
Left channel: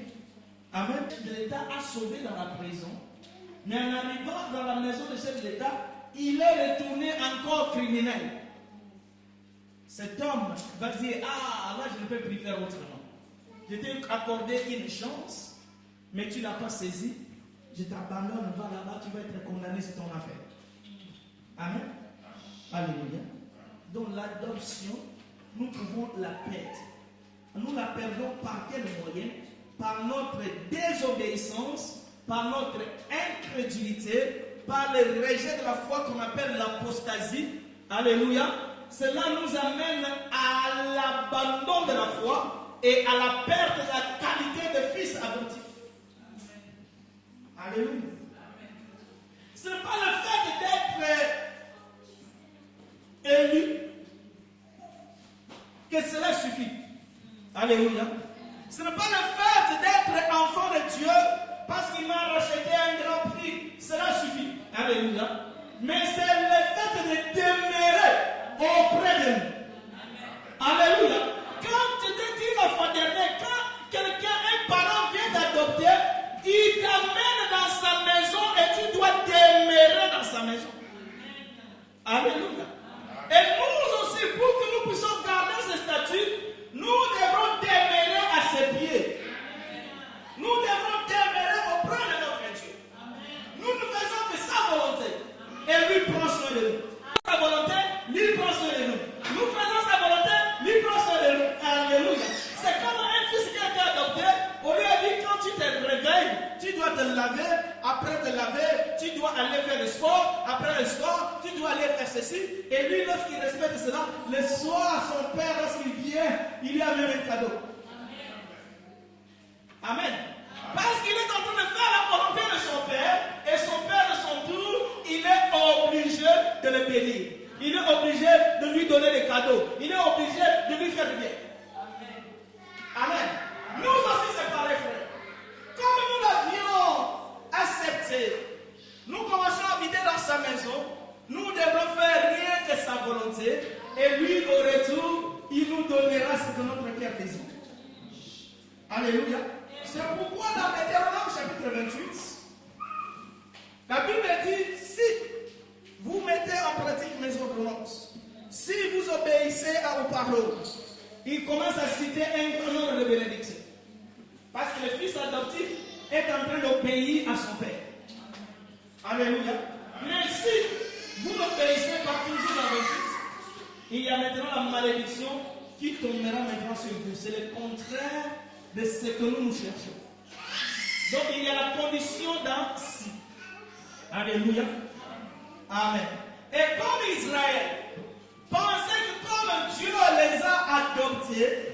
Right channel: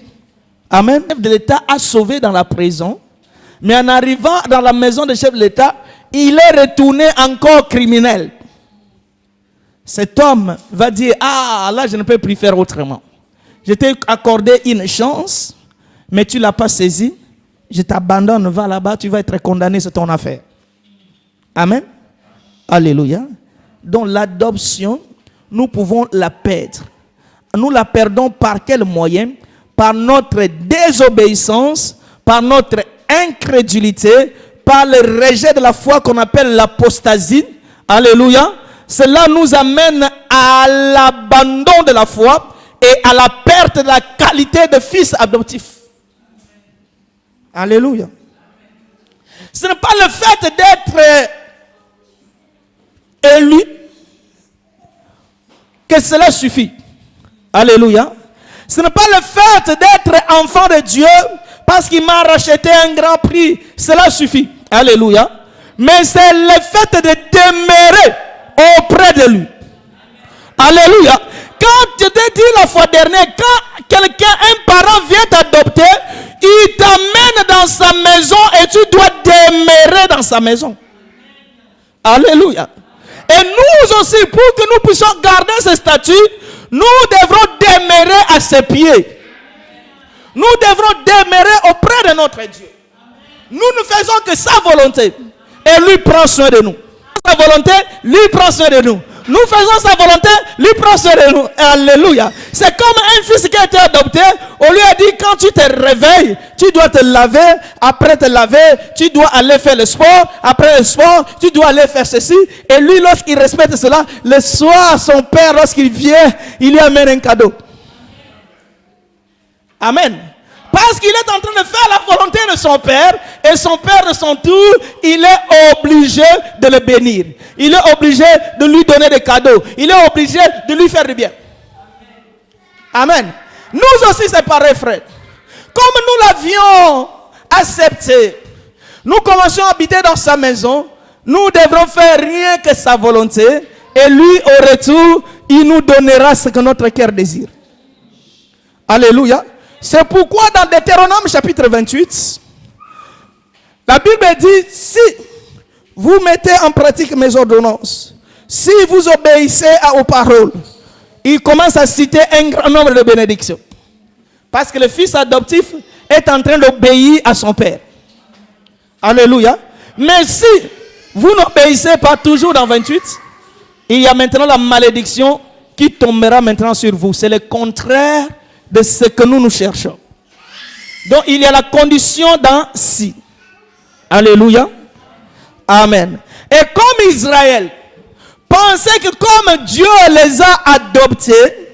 Amen. Le chef de l'État a sauvé dans la prison, mais en arrivant dans la maison du chef de l'État, il est retourné encore criminel. Cet homme va dire, ah là je ne peux plus faire autrement. Je t'ai accordé une chance, mais tu ne l'as pas saisie. Je t'abandonne, va là-bas, tu vas être condamné, c'est ton affaire. Amen. Alléluia. Donc l'adoption, nous pouvons la perdre. Nous la perdons par quel moyen? Par notre désobéissance, par notre incrédulité, par le rejet de la foi qu'on appelle l'apostasie. Alléluia. Cela nous amène à l'abandon de la foi et à la perte de la qualité de fils adoptif. Alléluia. Ce n'est pas le fait d'être élu que cela suffit. Alléluia. Ce n'est pas le fait d'être enfant de Dieu parce qu'il m'a racheté un grand prix. Cela suffit. Alléluia. Mais c'est le fait de demeurer auprès de lui. Alléluia. Quand je t'ai dit la fois dernière, quand quelqu'un, un parent vient t'adopter, il t'amène dans sa maison et tu dois demeurer dans sa maison. Alléluia. Et nous aussi, pour que nous puissions garder ce statut, nous devrons demeurer à ses pieds. Nous devrons demeurer auprès de notre Dieu. Nous ne faisons que sa volonté. Et lui prend soin de nous. Sa volonté, lui prend soin de nous. Nous faisons sa volonté, lui prend soin de nous. Alléluia. C'est comme un fils qui a été adopté. On lui a dit, quand tu te réveilles, tu dois te laver. Après te laver, tu dois aller faire le sport. Après le sport, tu dois aller faire ceci. Et lui, lorsqu'il respecte cela, le soir, son père, lorsqu'il vient, il lui amène un cadeau. Amen. Parce qu'il est en train de faire la volonté de son père. Et son père, de son tour, il est obligé de le bénir. Il est obligé de lui donner des cadeaux. Il est obligé de lui faire du bien. Amen. Nous aussi, c'est pareil, frère. Comme nous l'avions accepté, nous commençons à habiter dans sa maison. Nous devrons faire rien que sa volonté. Et lui, au retour, il nous donnera ce que notre cœur désire. Alléluia. C'est pourquoi dans Deutéronome chapitre 28, La Bible dit, si vous mettez en pratique mes ordonnances, si vous obéissez aux paroles, il commence à citer un grand nombre de bénédictions. Parce que le fils adoptif est en train d'obéir à son père. Alléluia. Mais si vous n'obéissez pas toujours dans 28, il y a maintenant la malédiction qui tombera maintenant sur vous. C'est le contraire de ce que nous cherchons. Donc il y a la condition dans si. Alléluia. Amen. Et comme Israël pensait que comme Dieu les a adoptés,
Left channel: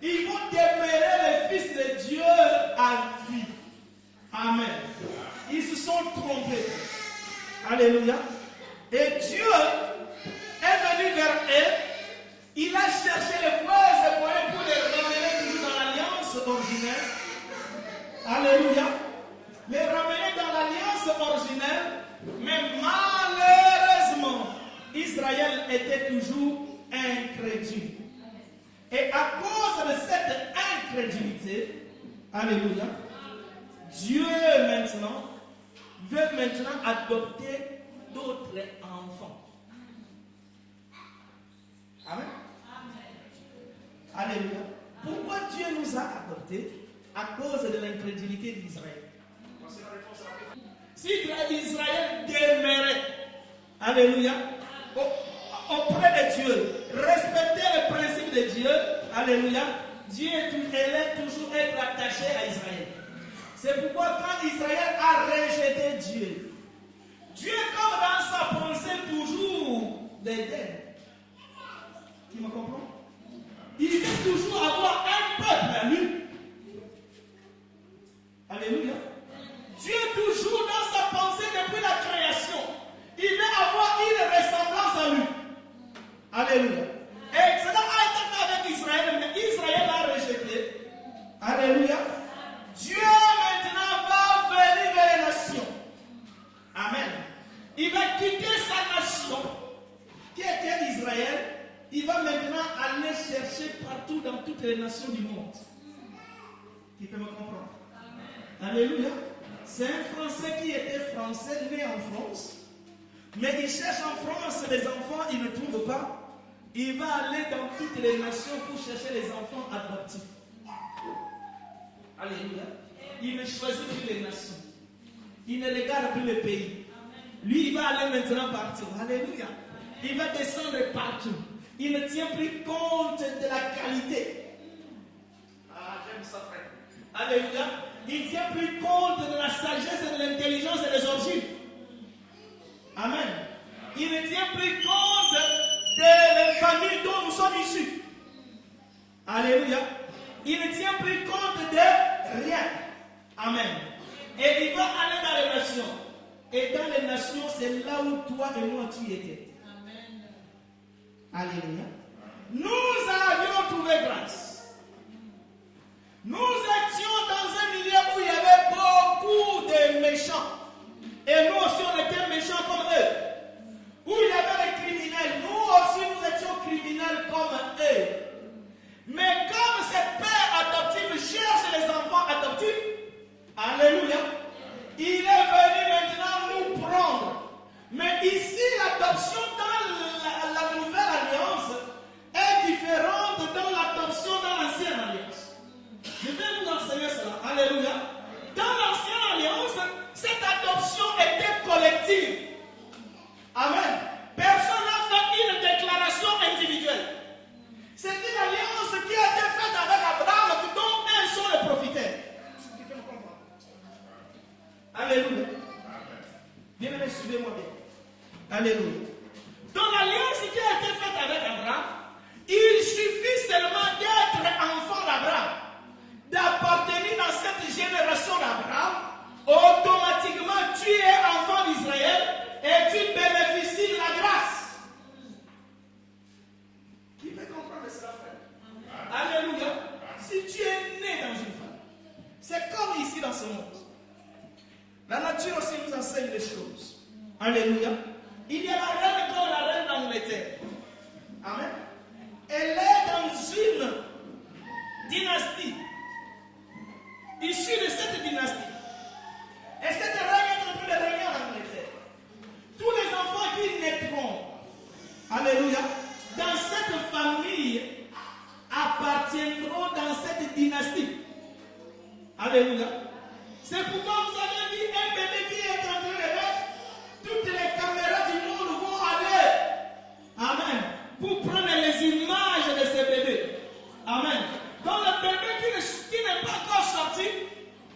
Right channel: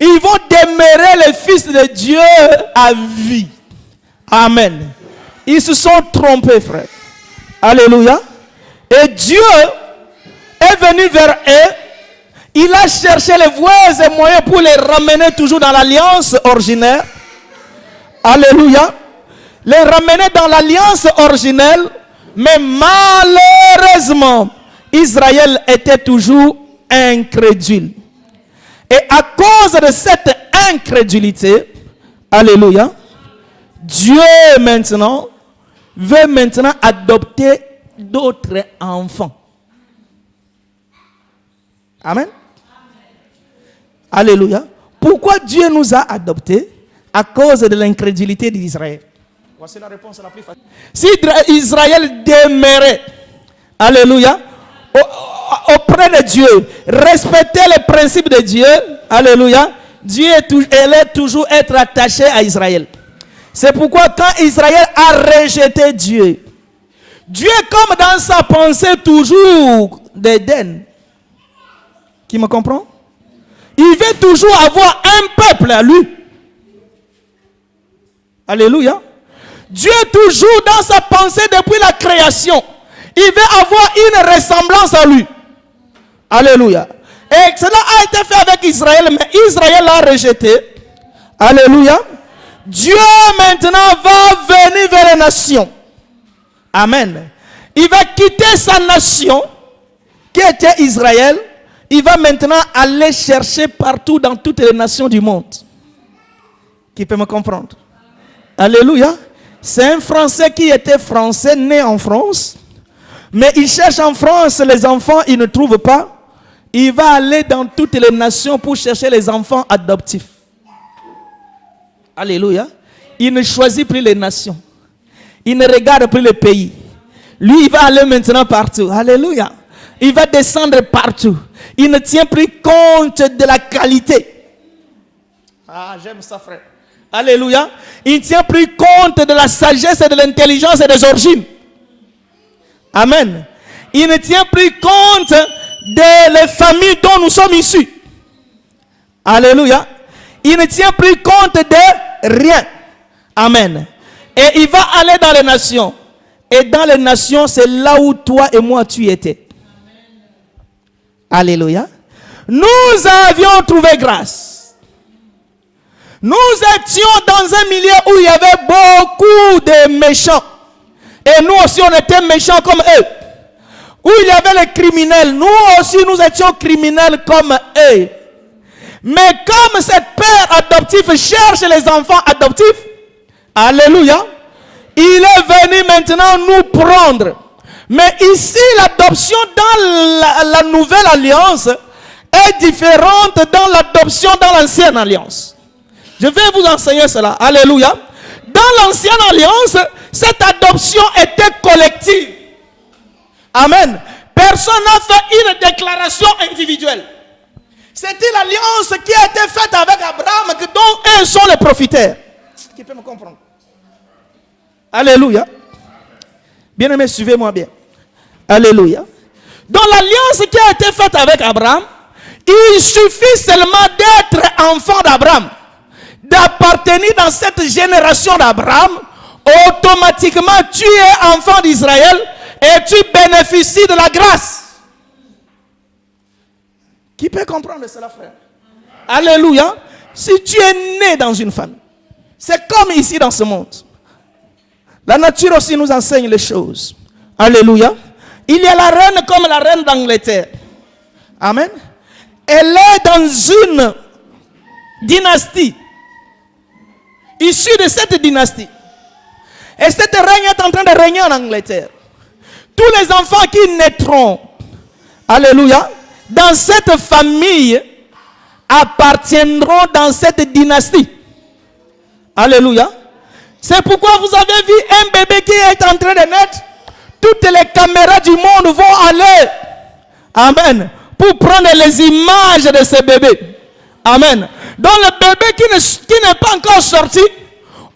ils vont demeurer les fils de Dieu à vie. Amen. Ils se sont trompés, frère. Alléluia. Et Dieu est venu vers eux. Il a cherché les voies et moyens pour les ramener toujours dans l'alliance originelle. Alléluia. Les ramener dans l'alliance originelle. Mais malheureusement, Israël était toujours incrédule. Et à cause de cette incrédulité, alléluia, Dieu maintenant veut maintenant adopter d'autres enfants. Amen. Alléluia. Pourquoi Dieu nous a adoptés? À cause de l'incrédulité d'Israël. Voici la réponse la plus facile. Si Israël demeurait, alléluia, auprès de Dieu, respectait les principes de Dieu, alléluia, Dieu allait toujours être attaché à Israël. C'est pourquoi quand Israël a rejeté Dieu, Dieu comme dans sa pensée toujours d'Éden, qui me comprend? Il veut toujours avoir un peuple à lui. Alléluia. Dieu toujours dans sa pensée depuis la création, il veut avoir une ressemblance à lui. Alléluia. Et cela a été fait avec Israël, mais Israël l'a rejeté. Alléluia. Dieu maintenant va venir vers les nations. Amen. Il va quitter sa nation, qui était Israël. Il va maintenant aller chercher partout dans toutes les nations du monde. Qui peut me comprendre? Alléluia. C'est un Français qui était français, né en France. Mais il cherche en France les enfants, il ne trouve pas. Il va aller dans toutes les nations pour chercher les enfants adoptifs. Alléluia. Il ne choisit plus les nations. Il ne regarde plus les pays. Lui, il va aller maintenant partout. Alléluia. Il va descendre partout. Il ne tient plus compte de la qualité. Ah, j'aime ça, frère. Alléluia. Il ne tient plus compte de la sagesse et de l'intelligence et des origines. Amen. Il ne tient plus compte des familles dont nous sommes issus. Alléluia. Il ne tient plus compte de rien. Amen. Et il va aller dans les nations. Et dans les nations, c'est là où toi et moi tu étais. Alléluia. Nous avions trouvé grâce. Nous étions dans un milieu où il y avait beaucoup de méchants. Et nous aussi, on était méchants comme eux. Où il y avait les criminels. Nous aussi, nous étions criminels comme eux. Mais comme cette père adoptif cherche les enfants adoptifs, alléluia, il est venu maintenant nous prendre. Mais ici, l'adoption dans la nouvelle alliance est différente dans l'adoption dans l'ancienne alliance. Je vais vous enseigner cela. Alléluia. Dans l'ancienne alliance, cette adoption était collective. Amen. Personne n'a fait une déclaration individuelle. C'était l'alliance qui a été faite avec Abraham, dont eux sont les profiteurs. Qui peut me comprendre? Alléluia. Bien-aimés, suivez-moi bien. Alléluia. Dans l'alliance qui a été faite avec Abraham, il suffit seulement d'être enfant d'Abraham, d'appartenir dans cette génération d'Abraham. Automatiquement, tu es enfant d'Israël et tu bénéficies de la grâce. Qui peut comprendre cela, frère? Alléluia. Si tu es né dans une femme, c'est comme ici dans ce monde. La nature aussi nous enseigne les choses. Alléluia. Il y a la reine comme la reine d'Angleterre. Amen. Elle est dans une dynastie. Issue de cette dynastie. Et cette règne est en train de régner en Angleterre. Tous les enfants qui naîtront, alléluia, dans cette famille appartiendront dans cette dynastie. Alléluia. C'est pourquoi vous avez vu un bébé qui est en train de naître. Toutes les caméras du monde vont aller, amen, pour prendre les images de ce bébé. Amen. Donc le bébé qui n'est pas encore sorti,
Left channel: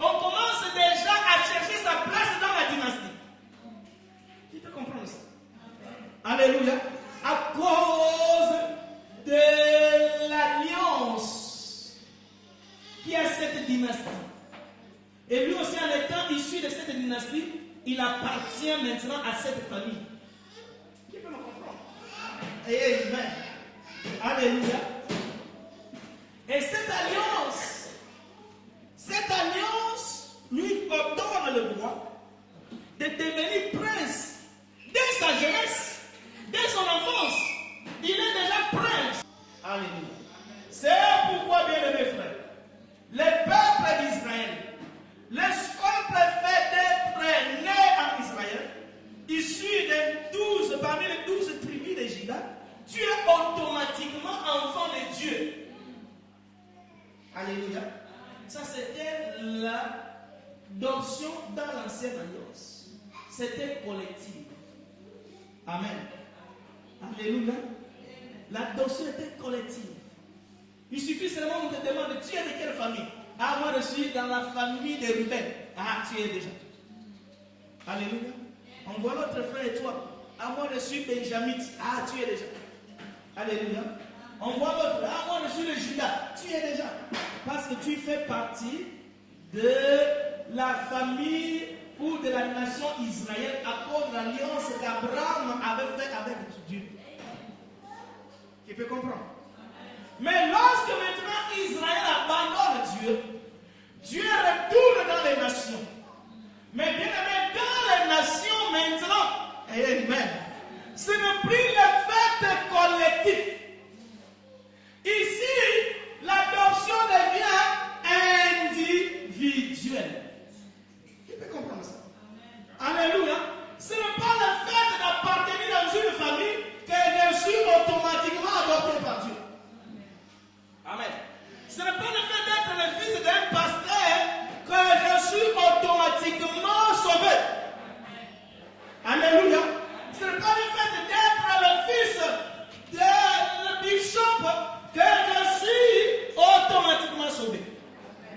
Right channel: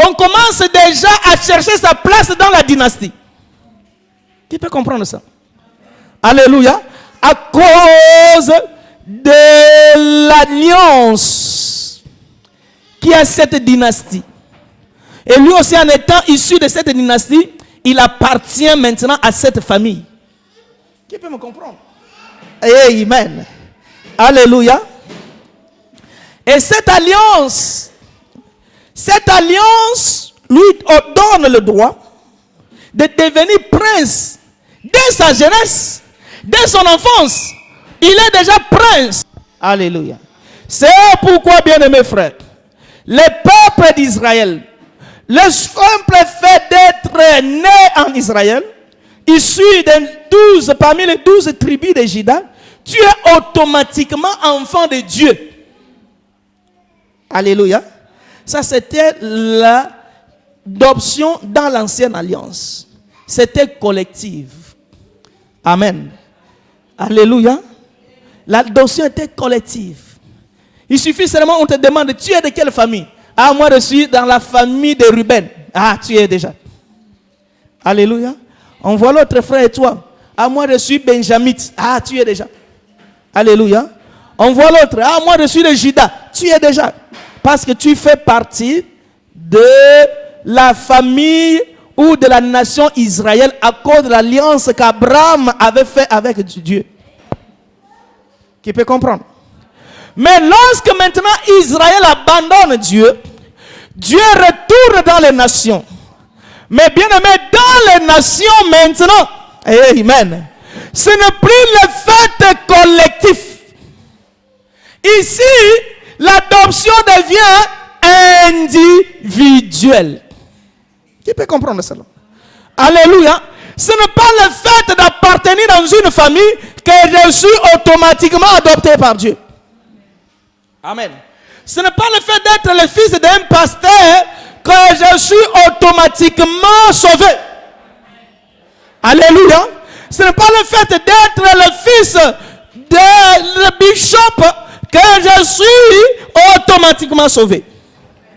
on commence déjà à chercher sa place dans la dynastie. Qui peut comprendre ça? Alléluia. À cause de l'alliance qui a cette dynastie. Et lui aussi, en étant issu de cette dynastie, il appartient maintenant à cette famille. Qui peut me comprendre? Amen. Alléluia. Et cette alliance lui donne le droit de devenir prince dès sa jeunesse, dès son enfance. Il est déjà prince. Alléluia. C'est pourquoi, bien-aimés frères, le peuple d'Israël, le simple fait d'être né en Israël, issu parmi les 12 tribus de Juda, tu es automatiquement enfant de Dieu. Alléluia. Ça, c'était l'adoption dans l'ancienne alliance. C'était collective. Amen. Alléluia. L'adoption était collective. Il suffit seulement, on te demande, tu es de quelle famille? Ah, moi je suis dans la famille de Ruben. Ah, tu es déjà. Alléluia. On voit l'autre frère et toi. Ah, moi je suis benjamite. Ah, tu es déjà. Alléluia. On voit l'autre. Ah, moi je suis de Juda. Tu es déjà. Parce que tu fais partie de la famille ou de la nation Israël à cause de l'alliance qu'Abraham avait fait avec Dieu. Qui peut comprendre? Mais lorsque maintenant Israël abandonne Dieu, Dieu retourne dans les nations. Mais bien aimé, dans les nations maintenant, amen, ce n'est plus le fait collectif. Ici, l'adoption devient individuelle. Qui peut comprendre cela? Alléluia. Ce n'est pas le fait d'appartenir dans une famille que je suis automatiquement adopté par Dieu. Amen. Ce n'est pas le fait d'être le fils d'un pasteur que je suis automatiquement sauvé. Alléluia. Ce n'est pas le fait d'être le fils de bishop que je suis automatiquement sauvé.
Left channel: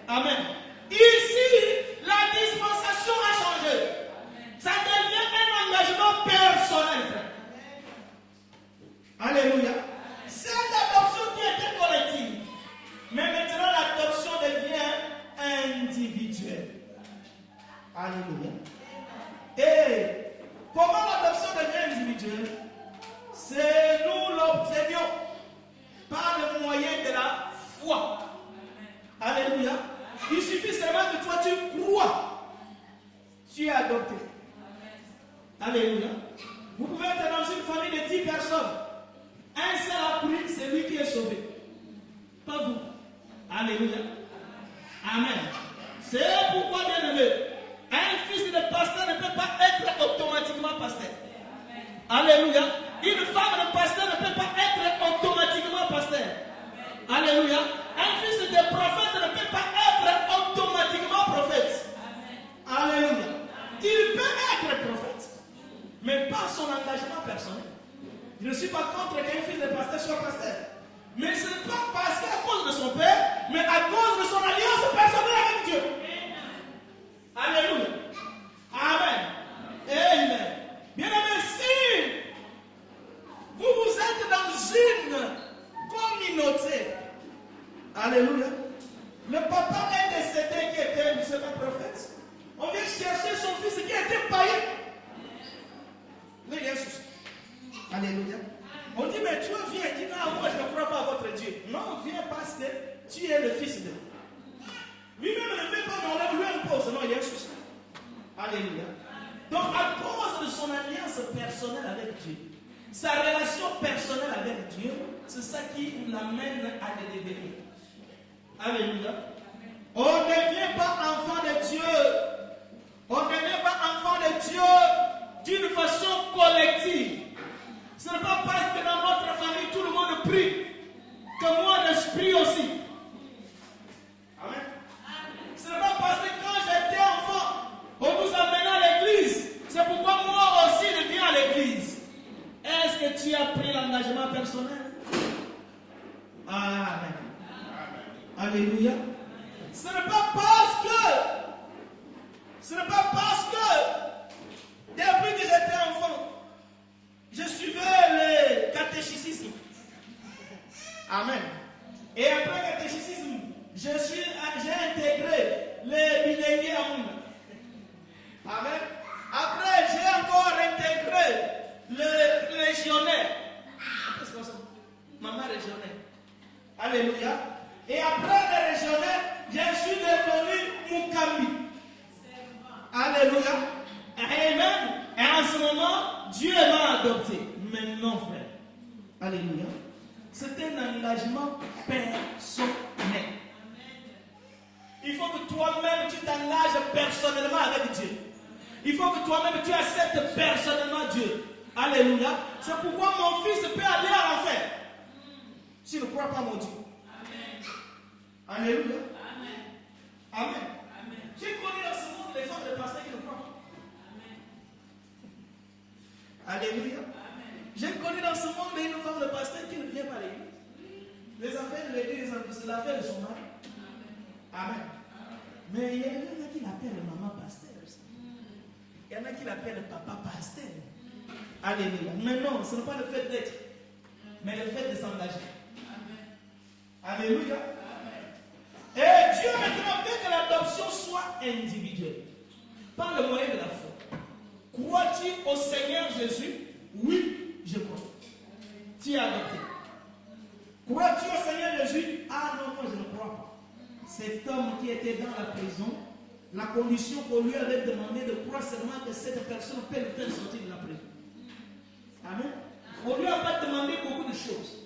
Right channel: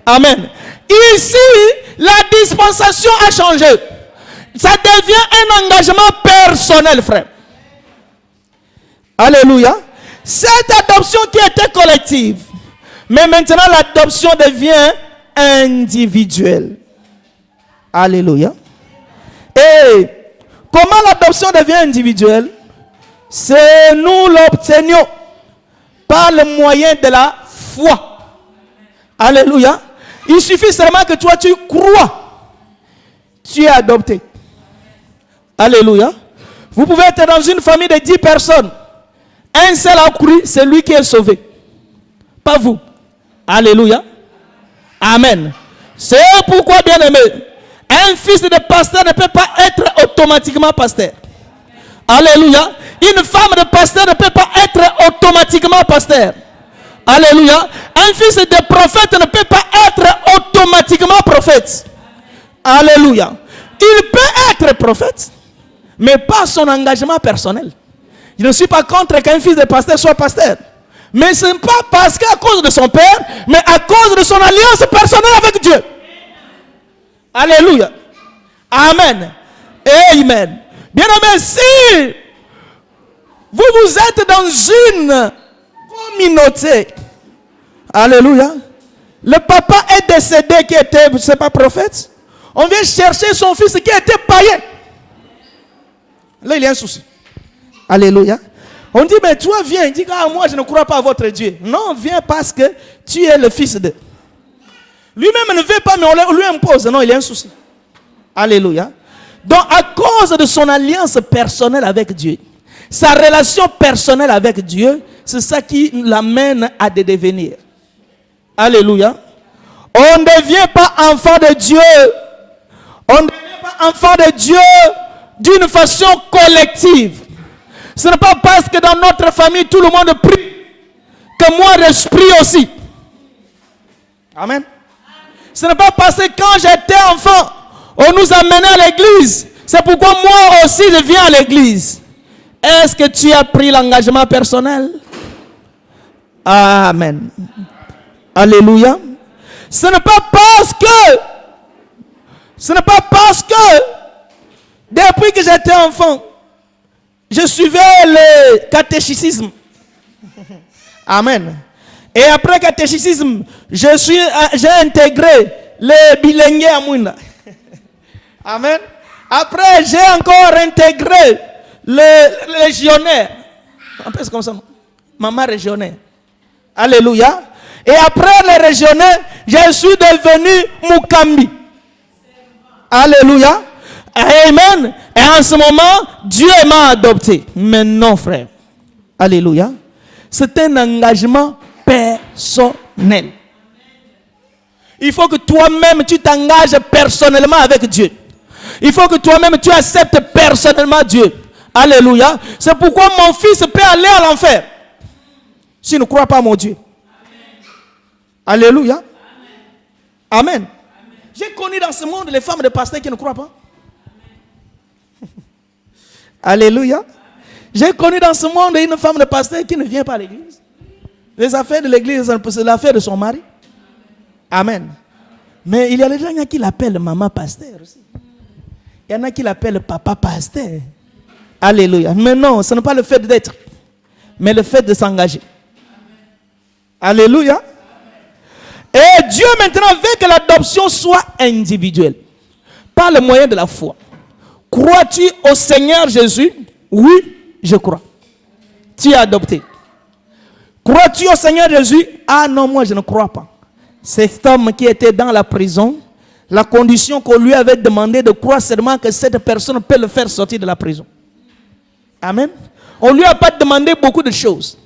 Amen. Ici, la dispensation a changé. Ça devient un engagement personnel, frère. Alléluia. Cette adoption qui était collective, mais maintenant l'adoption devient individuelle. Alléluia. Et comment l'adoption devient individuelle? C'est nous l'obtenions par le moyen de la foi. Alléluia. Il suffit seulement que toi tu crois. Tu es adopté. Alléluia. Vous pouvez être dans une famille de 10 personnes. Un seul a cru, c'est lui qui est sauvé. Pas vous. Alléluia. Amen. C'est pourquoi, bien aimé, un fils de pasteur ne peut pas être automatiquement pasteur. Alléluia. Une femme de pasteur ne peut pas être automatiquement pasteur. Alléluia. Un fils de prophète ne peut pas être automatiquement prophète. Alléluia. Il peut être prophète, mais pas son engagement personnel. Je ne suis pas contre qu'un fils de pasteur soit pasteur. Mais ce n'est pas parce qu'à cause de son père, mais à cause de son alliance personnelle avec Dieu. Alléluia. Amen. Amen. Bien aimé, si vous êtes dans une communauté, alléluia, le papa est décédé qui était, c'est pas prophète, on vient chercher son fils qui était païen. Là, il y a un souci. Alléluia. On dit, mais toi viens. Il dit, ah, moi je ne crois pas à votre Dieu. Non, viens parce que tu es le fils de. Lui-même ne veut pas, mais on lui impose. Non, il y a un souci. Alléluia. Donc, à cause de son alliance personnelle avec Dieu, sa relation personnelle avec Dieu, c'est ça qui l'amène à devenir. Alléluia. On ne devient pas enfant de Dieu. On ne devient pas enfant de Dieu d'une façon collective. Ce n'est pas parce que dans notre famille tout le monde prie que moi je prie aussi. Amen. Ce n'est pas parce que quand j'étais enfant, on nous amenait à l'église. C'est pourquoi moi aussi je viens à l'église. Est-ce que tu as pris l'engagement personnel? Amen. Alléluia. Ce n'est pas parce que depuis que j'étais enfant, je suivais le catéchisme. Amen. Et après le catéchisme, j'ai intégré le bilingue à Mouina. Amen. Après, j'ai encore intégré le légionnaire. C'est comme ça. Maman régionnaire. Alléluia. Et après le régionnaire, je suis devenu Mukambi. Alléluia. Amen. Et en ce moment, Dieu m'a adopté. Mais non, frère. Alléluia. C'est un engagement personnel. Il faut que toi-même tu t'engages personnellement avec Dieu. Il faut que toi-même tu acceptes personnellement Dieu. Alléluia. C'est pourquoi mon fils peut aller à l'enfer s'il ne croit pas à mon Dieu. Amen. Alléluia. Amen. Amen. J'ai connu dans ce monde les femmes de pasteurs qui ne croient pas. Alléluia. J'ai connu dans ce monde une femme de pasteur qui ne vient pas à l'église. Les affaires de l'église, c'est l'affaire de son mari. Amen. Mais il y a des gens qui l'appellent maman pasteur aussi. Il y en a qui l'appellent papa pasteur. Alléluia. Mais non, ce n'est pas le fait d'être, mais le fait de s'engager. Alléluia. Et Dieu maintenant veut que l'adoption soit individuelle, par le moyen de la foi. Crois-tu au Seigneur Jésus? Oui, je crois. Tu es adopté. Crois-tu au Seigneur Jésus? Ah non, moi je ne crois pas. Cet homme qui était dans la prison, la condition qu'on lui avait demandé de croire seulement que cette personne peut le faire sortir de la prison. Amen. On ne lui a pas demandé beaucoup de choses.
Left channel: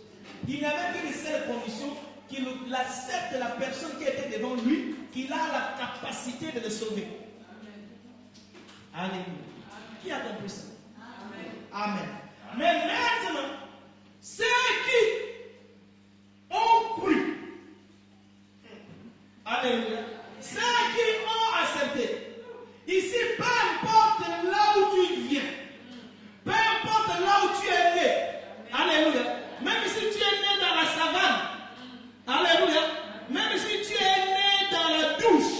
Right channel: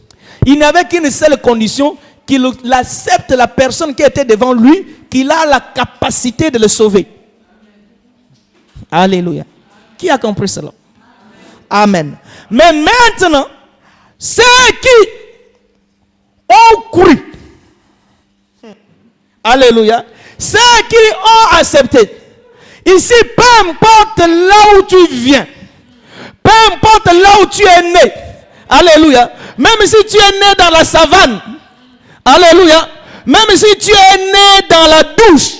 Il n'y avait qu'une seule condition, qu'il accepte la personne qui était devant lui, qu'il a la capacité de le sauver. Alléluia. Qui a compris cela? Amen. Mais maintenant, ceux qui ont cru, alléluia, ceux qui ont accepté, ici, peu importe là où tu viens, peu importe là où tu es né, alléluia, même si tu es né dans la savane, alléluia, même si tu es né dans la douche,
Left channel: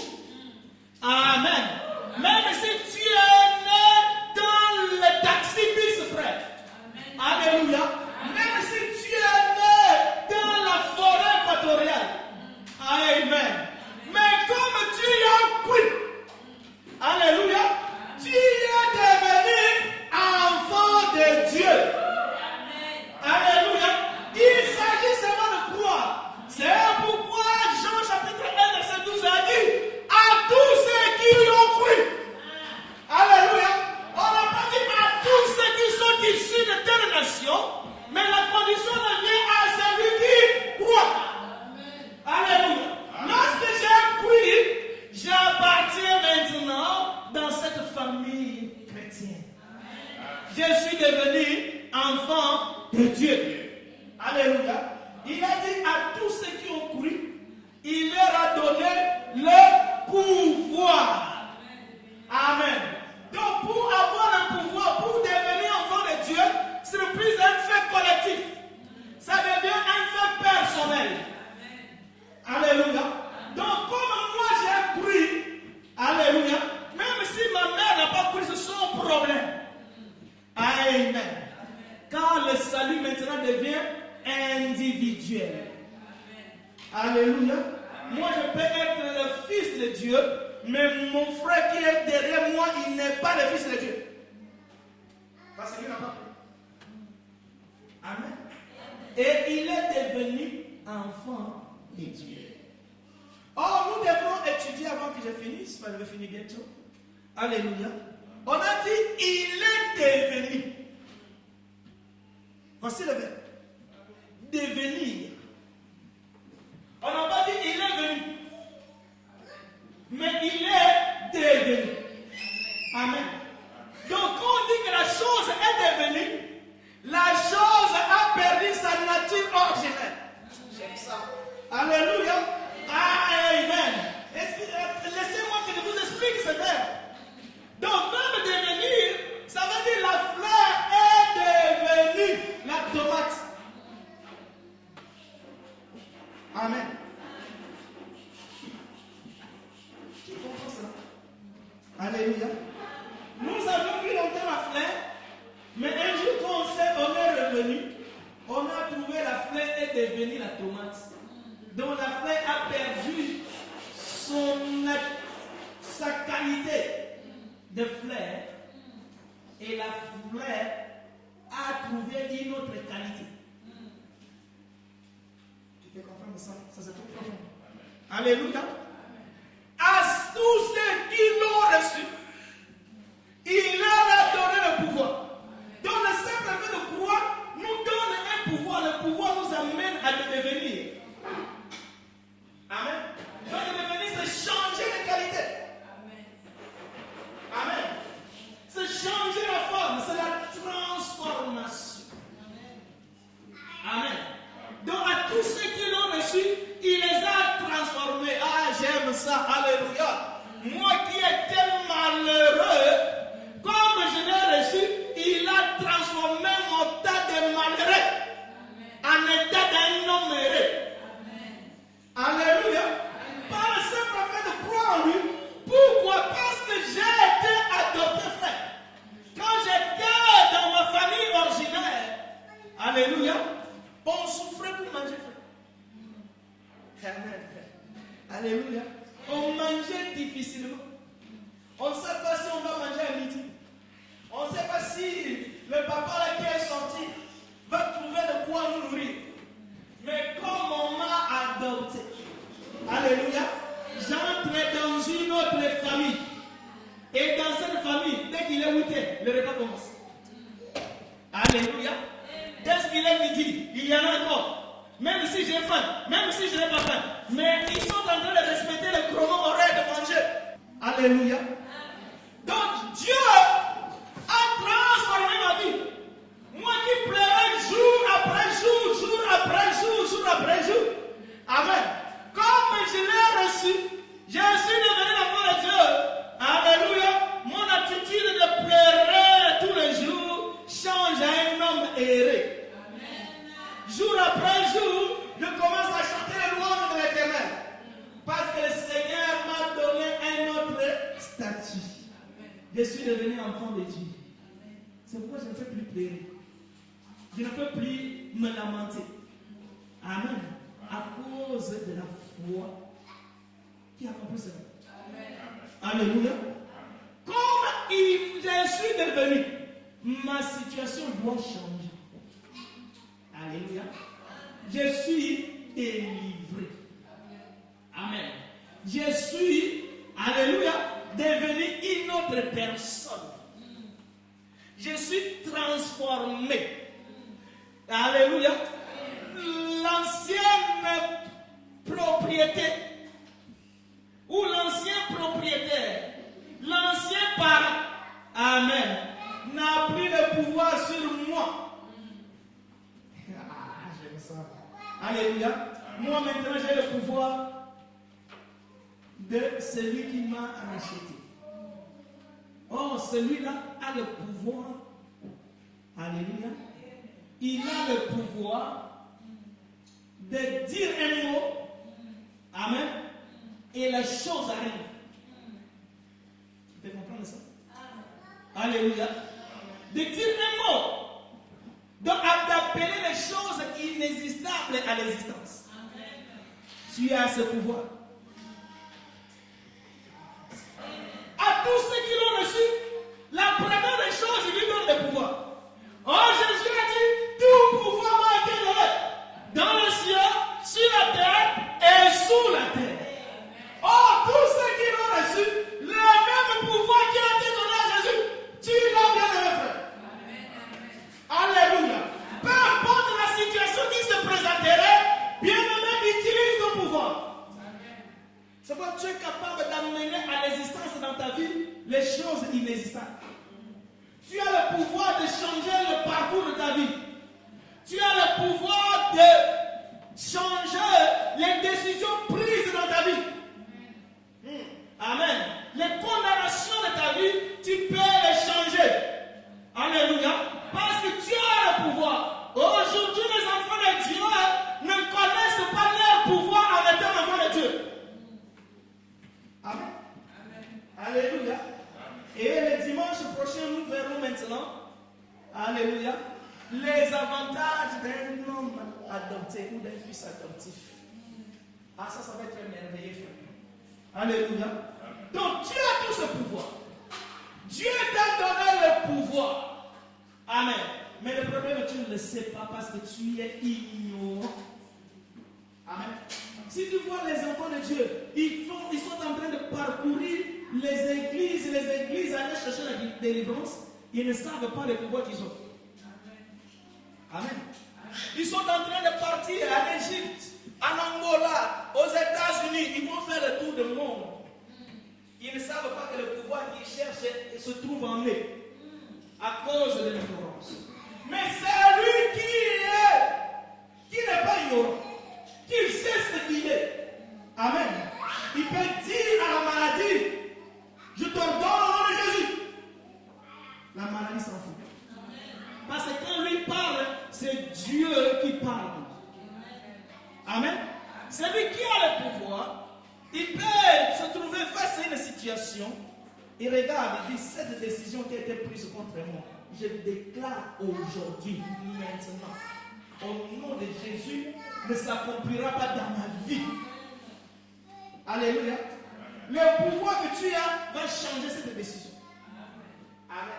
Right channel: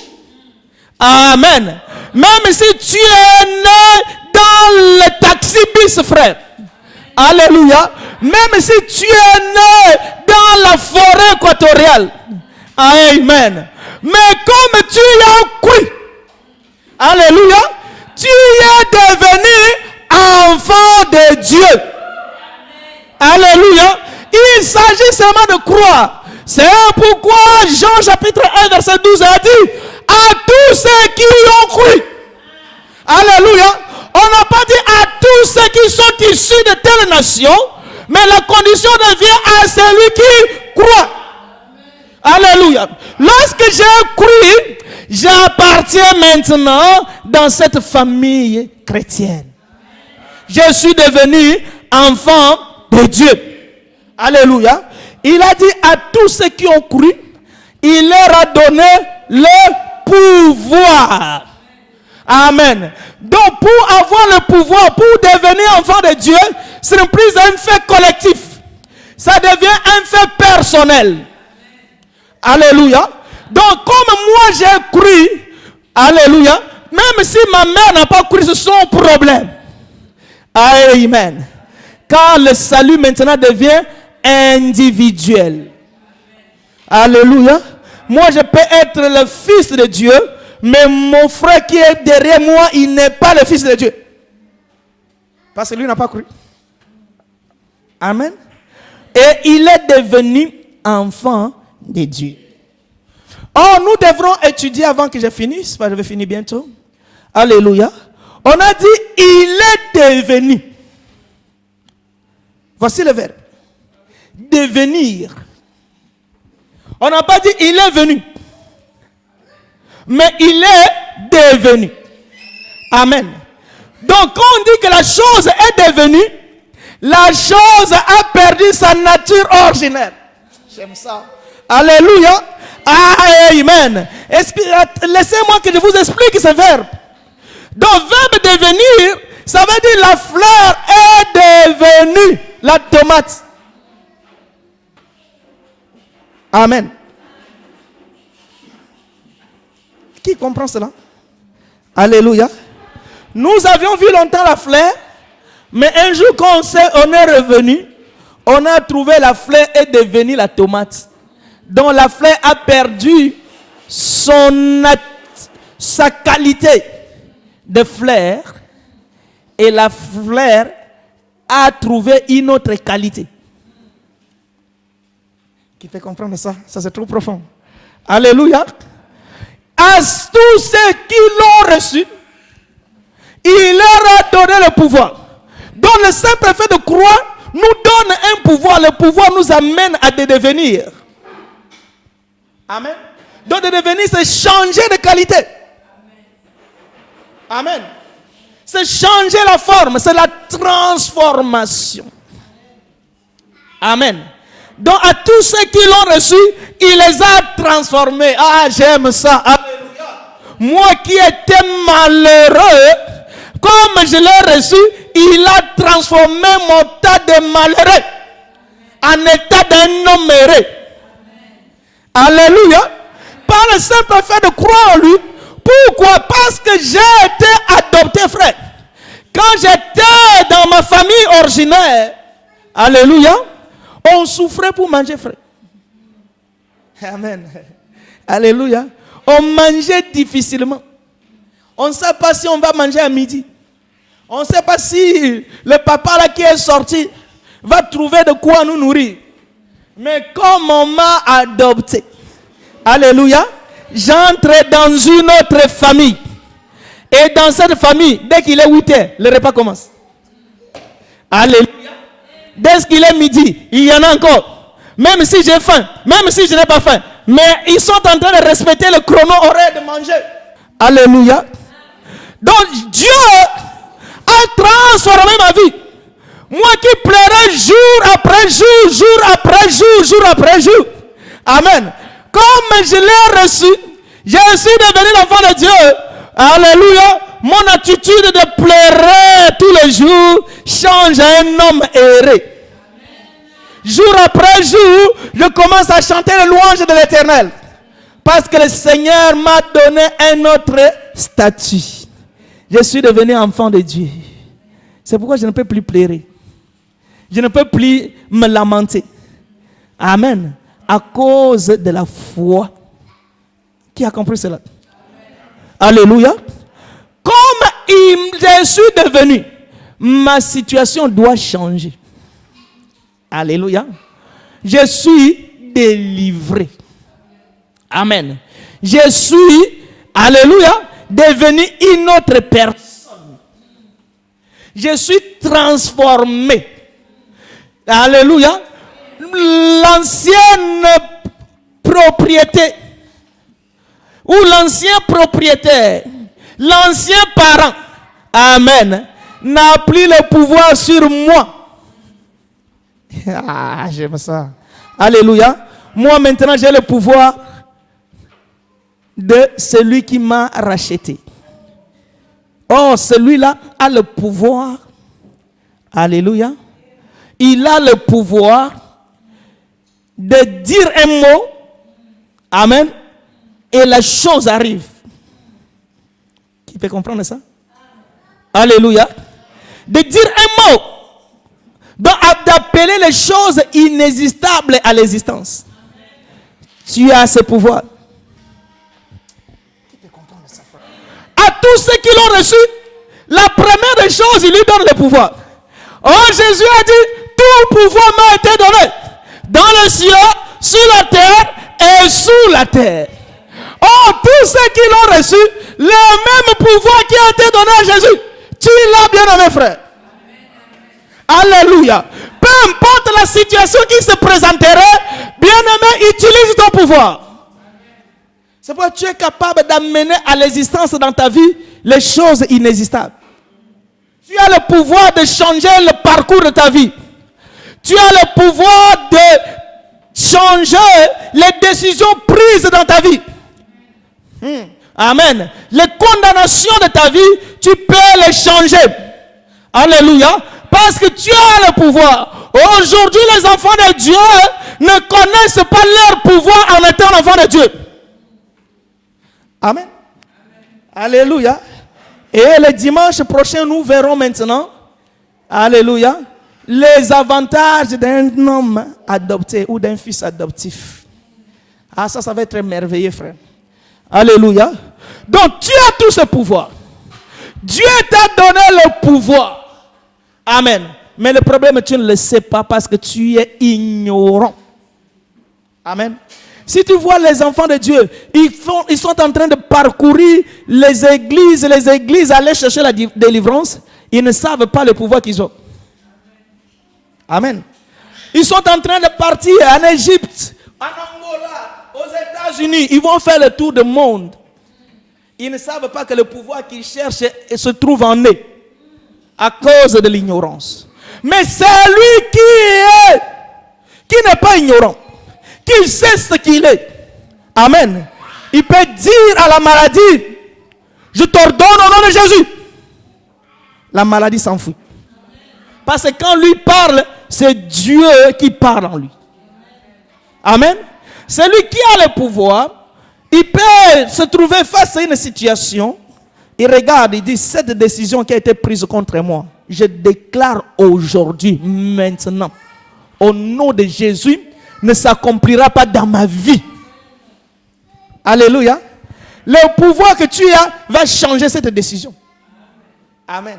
amen, même si tu es né dans le taxi-bis, frère, alléluia, même si tu es né dans la forêt équatoriale, amen, mais comme tu as cru, alléluia, tu es devenu enfant de Dieu, alléluia. Il s'agit seulement de croire. C'est pourquoi Jean chapitre 1 verset 12 a dit à tous ceux qui ont cru, alléluia. On n'a pas dit à tous ceux qui sont issus de telle nation, mais la condition devient à celui qui croit. Alléluia. Lorsque j'ai cru, j'appartiens maintenant dans cette famille chrétienne. Je suis devenu enfant de Dieu. Alléluia. Il a dit à tous ceux qui ont cru, il leur a donné le pouvoir. Amen. Donc pour avoir le pouvoir, pour devenir enfant de Dieu, ce n'est plus un fait collectif. Ça devient un fait personnel. Alléluia. Donc comme moi j'ai cru, alléluia, même si ma mère n'a pas cru, c'est son problème. Amen. Car le salut maintenant devient individuel. Alléluia. Moi je peux être le fils de Dieu, mais mon frère qui est derrière moi, il n'est pas le fils de Dieu. Parce que lui n'a pas cru. Amen. Et il est devenu enfant de Dieu. Oh, nous devrons étudier avant que je finisse, parce que je vais finir bientôt. Alléluia. On a dit, il est devenu. Voici le verbe. Devenir. On n'a pas dit, il est venu. Mais il est devenu. Amen. Donc quand on dit que la chose est devenue, la chose a perdu sa nature ordinaire. J'aime ça. Alléluia. Amen. Laissez-moi que je vous explique ce verbe. Donc verbe devenir, ça veut dire la fleur est devenue la tomate. Amen. Qui comprend cela? Alléluia. Nous avions vu longtemps la fleur, mais un jour quand on est revenu, on a trouvé la fleur est devenue la tomate. Donc la fleur a perdu sa qualité de fleur et la fleur a trouvé une autre qualité. Qui fait comprendre ça? Ça c'est trop profond. Alléluia. À tous ceux qui l'ont reçu, il leur a donné le pouvoir. Donc le simple fait de croire nous donne un pouvoir. Le pouvoir nous amène à devenir. Amen. Donc de devenir, c'est changer de qualité. Amen. C'est changer la forme, c'est la transformation. Amen. Donc à tous ceux qui l'ont reçu, il les a transformés. Ah, j'aime ça. Alléluia. Moi qui étais malheureux, comme je l'ai reçu, il a transformé mon tas de malheureux en état d'un homme heureux. Alléluia. Par le simple fait de croire en lui. Pourquoi? Parce que j'ai été adopté, frère. Quand j'étais dans ma famille originaire, alléluia, on souffrait pour manger, frère. Amen. Alléluia. On mangeait difficilement. On ne sait pas si on va manger à midi. On ne sait pas si le papa là qui est sorti va trouver de quoi nous nourrir. Mais comme on m'a adopté, alléluia, j'entre dans une autre famille. Et dans cette famille, dès qu'il est 8 heures, le repas commence. Alléluia. Dès qu'il est midi, il y en a encore. Même si j'ai faim, même si je n'ai pas faim. Mais ils sont en train de respecter le chrono horaire de manger. Alléluia. Donc Dieu a transformé ma vie. Moi qui pleurais jour après jour, jour après jour, jour après jour. Amen. Comme je l'ai reçu, je suis devenu l'enfant de Dieu. Alléluia. Mon attitude de pleurer tous les jours change à un homme heureux. Jour après jour, je commence à chanter les louanges de l'Éternel. Parce que le Seigneur m'a donné un autre statut. Je suis devenu enfant de Dieu. C'est pourquoi je ne peux plus pleurer. Je ne peux plus me lamenter. Amen. À cause de la foi. Qui a compris cela? Alléluia. Comme je suis devenu, ma situation doit changer. Alléluia. Je suis délivré. Amen. Je suis, alléluia, devenu une autre personne. Je suis transformé. Alléluia. L'ancienne propriété ou l'ancien propriétaire, l'ancien parent, amen, n'a plus le pouvoir sur moi. Ah, j'aime ça. Alléluia. Moi maintenant j'ai le pouvoir de celui qui m'a racheté. Oh, celui-là a le pouvoir. Alléluia. Il a le pouvoir de dire un mot. Amen. Et la chose arrive. Qui peut comprendre ça? Alléluia. De dire un mot. D'appeler les choses inexistables à l'existence. Tu as ce pouvoir. À tous ceux qui l'ont reçu, la première des choses, il lui donne le pouvoir. Oh, Jésus a dit, tout pouvoir m'a été donné dans le ciel, sur la terre et sous la terre. Oh, tous ceux qui l'ont reçu, le même pouvoir qui a été donné à Jésus, tu l'as bien aimé, frère. Alléluia. Peu importe la situation qui se présenterait, bien-aimé, utilise ton pouvoir. C'est pourquoi tu es capable d'amener à l'existence dans ta vie les choses inexistables. Tu as le pouvoir de changer le parcours de ta vie. Tu as le pouvoir de changer les décisions prises dans ta vie. Amen. Les condamnations de ta vie, tu peux les changer. Alléluia. Parce que tu as le pouvoir. Aujourd'hui, les enfants de Dieu ne connaissent pas leur pouvoir en étant enfants de Dieu. Amen. Alléluia. Et le dimanche prochain, nous verrons maintenant, alléluia, les avantages d'un homme adopté ou d'un fils adoptif. Ah, ça va être merveilleux, frère. Alléluia. Donc, tu as tout ce pouvoir. Dieu t'a donné le pouvoir. Amen. Mais le problème, tu ne le sais pas parce que tu es ignorant. Amen. Si tu vois les enfants de Dieu, ils sont en train de parcourir les églises, aller chercher la délivrance. Ils ne savent pas le pouvoir qu'ils ont. Amen. Ils sont en train de partir en Égypte, en Angola, aux États-Unis. Ils vont faire le tour du monde. Ils ne savent pas que le pouvoir qu'ils cherchent se trouve en eux à cause de l'ignorance. Mais c'est lui qui n'est pas ignorant, qui sait ce qu'il est. Amen. Il peut dire à la maladie, je t'ordonne au nom de Jésus. La maladie s'enfuit. Parce que quand lui parle, c'est Dieu qui parle en lui. Amen. C'est lui qui a le pouvoir. Il peut se trouver face à une situation. Il regarde, il dit, cette décision qui a été prise contre moi, je déclare aujourd'hui, maintenant, au nom de Jésus, ne s'accomplira pas dans ma vie. Alléluia. Le pouvoir que tu as va changer cette décision. Amen.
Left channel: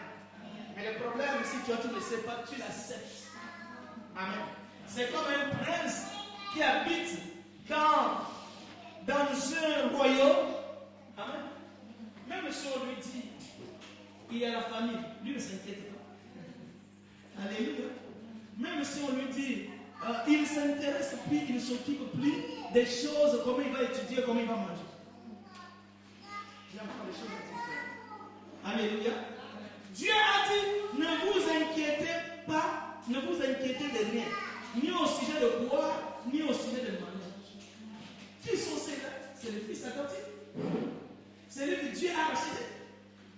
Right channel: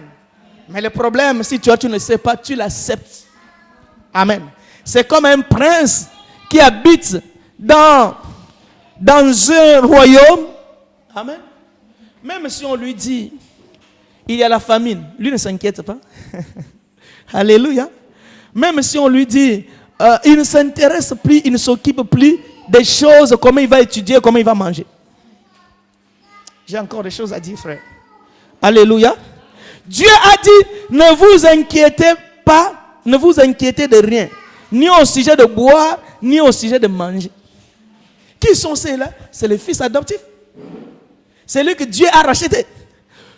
Mais le problème, si tu ne sais pas, tu l'acceptes. Amen. C'est comme un prince qui habite dans un royaume. Amen. Même si on lui dit, il y a la famine, lui ne s'inquiète pas. Alléluia. Même si on lui dit, il ne s'intéresse plus, il ne s'occupe plus des choses, comment il va étudier, comment il va manger. J'ai encore des choses à dire, frère. Alléluia. Dieu a dit, ne vous inquiétez pas, ne vous inquiétez de rien, ni au sujet de boire, ni au sujet de manger. Qui sont ceux-là? C'est les fils adoptifs. C'est lui que Dieu a racheté.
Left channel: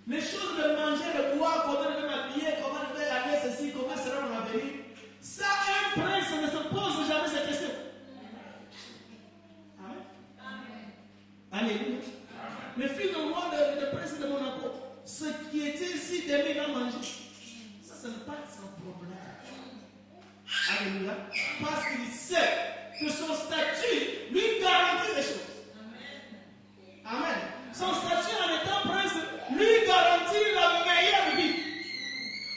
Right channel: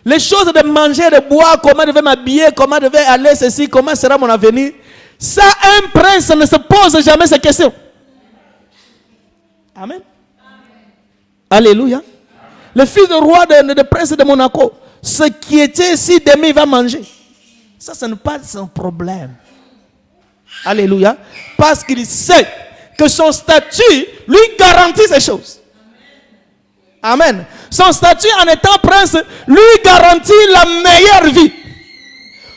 Les choses de manger, de boire, comment je vais m'habiller, comment je vais aller, ceci, comment sera mon avenir. Ça, un prince ne se pose jamais ces questions. Amen. Alléluia. Amen. Le fils du roi, de prince de Monaco, ce qui était si demain il va manger, ça, ce n'est pas son problème. Alléluia. Parce qu'il sait que son statut lui garantit ces choses. Amen. Son statut en étant prince lui garantit la meilleure vie.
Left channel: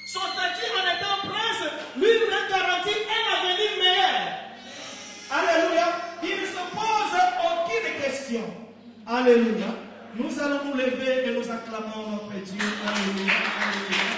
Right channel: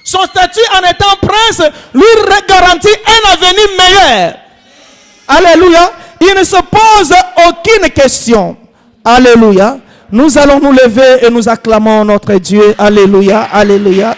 Son statut en étant prince lui garantit un avenir meilleur. Alléluia. Il ne se pose aucune question. Alléluia. Nous allons nous lever et nous acclamons notre Dieu. Alléluia. Alléluia.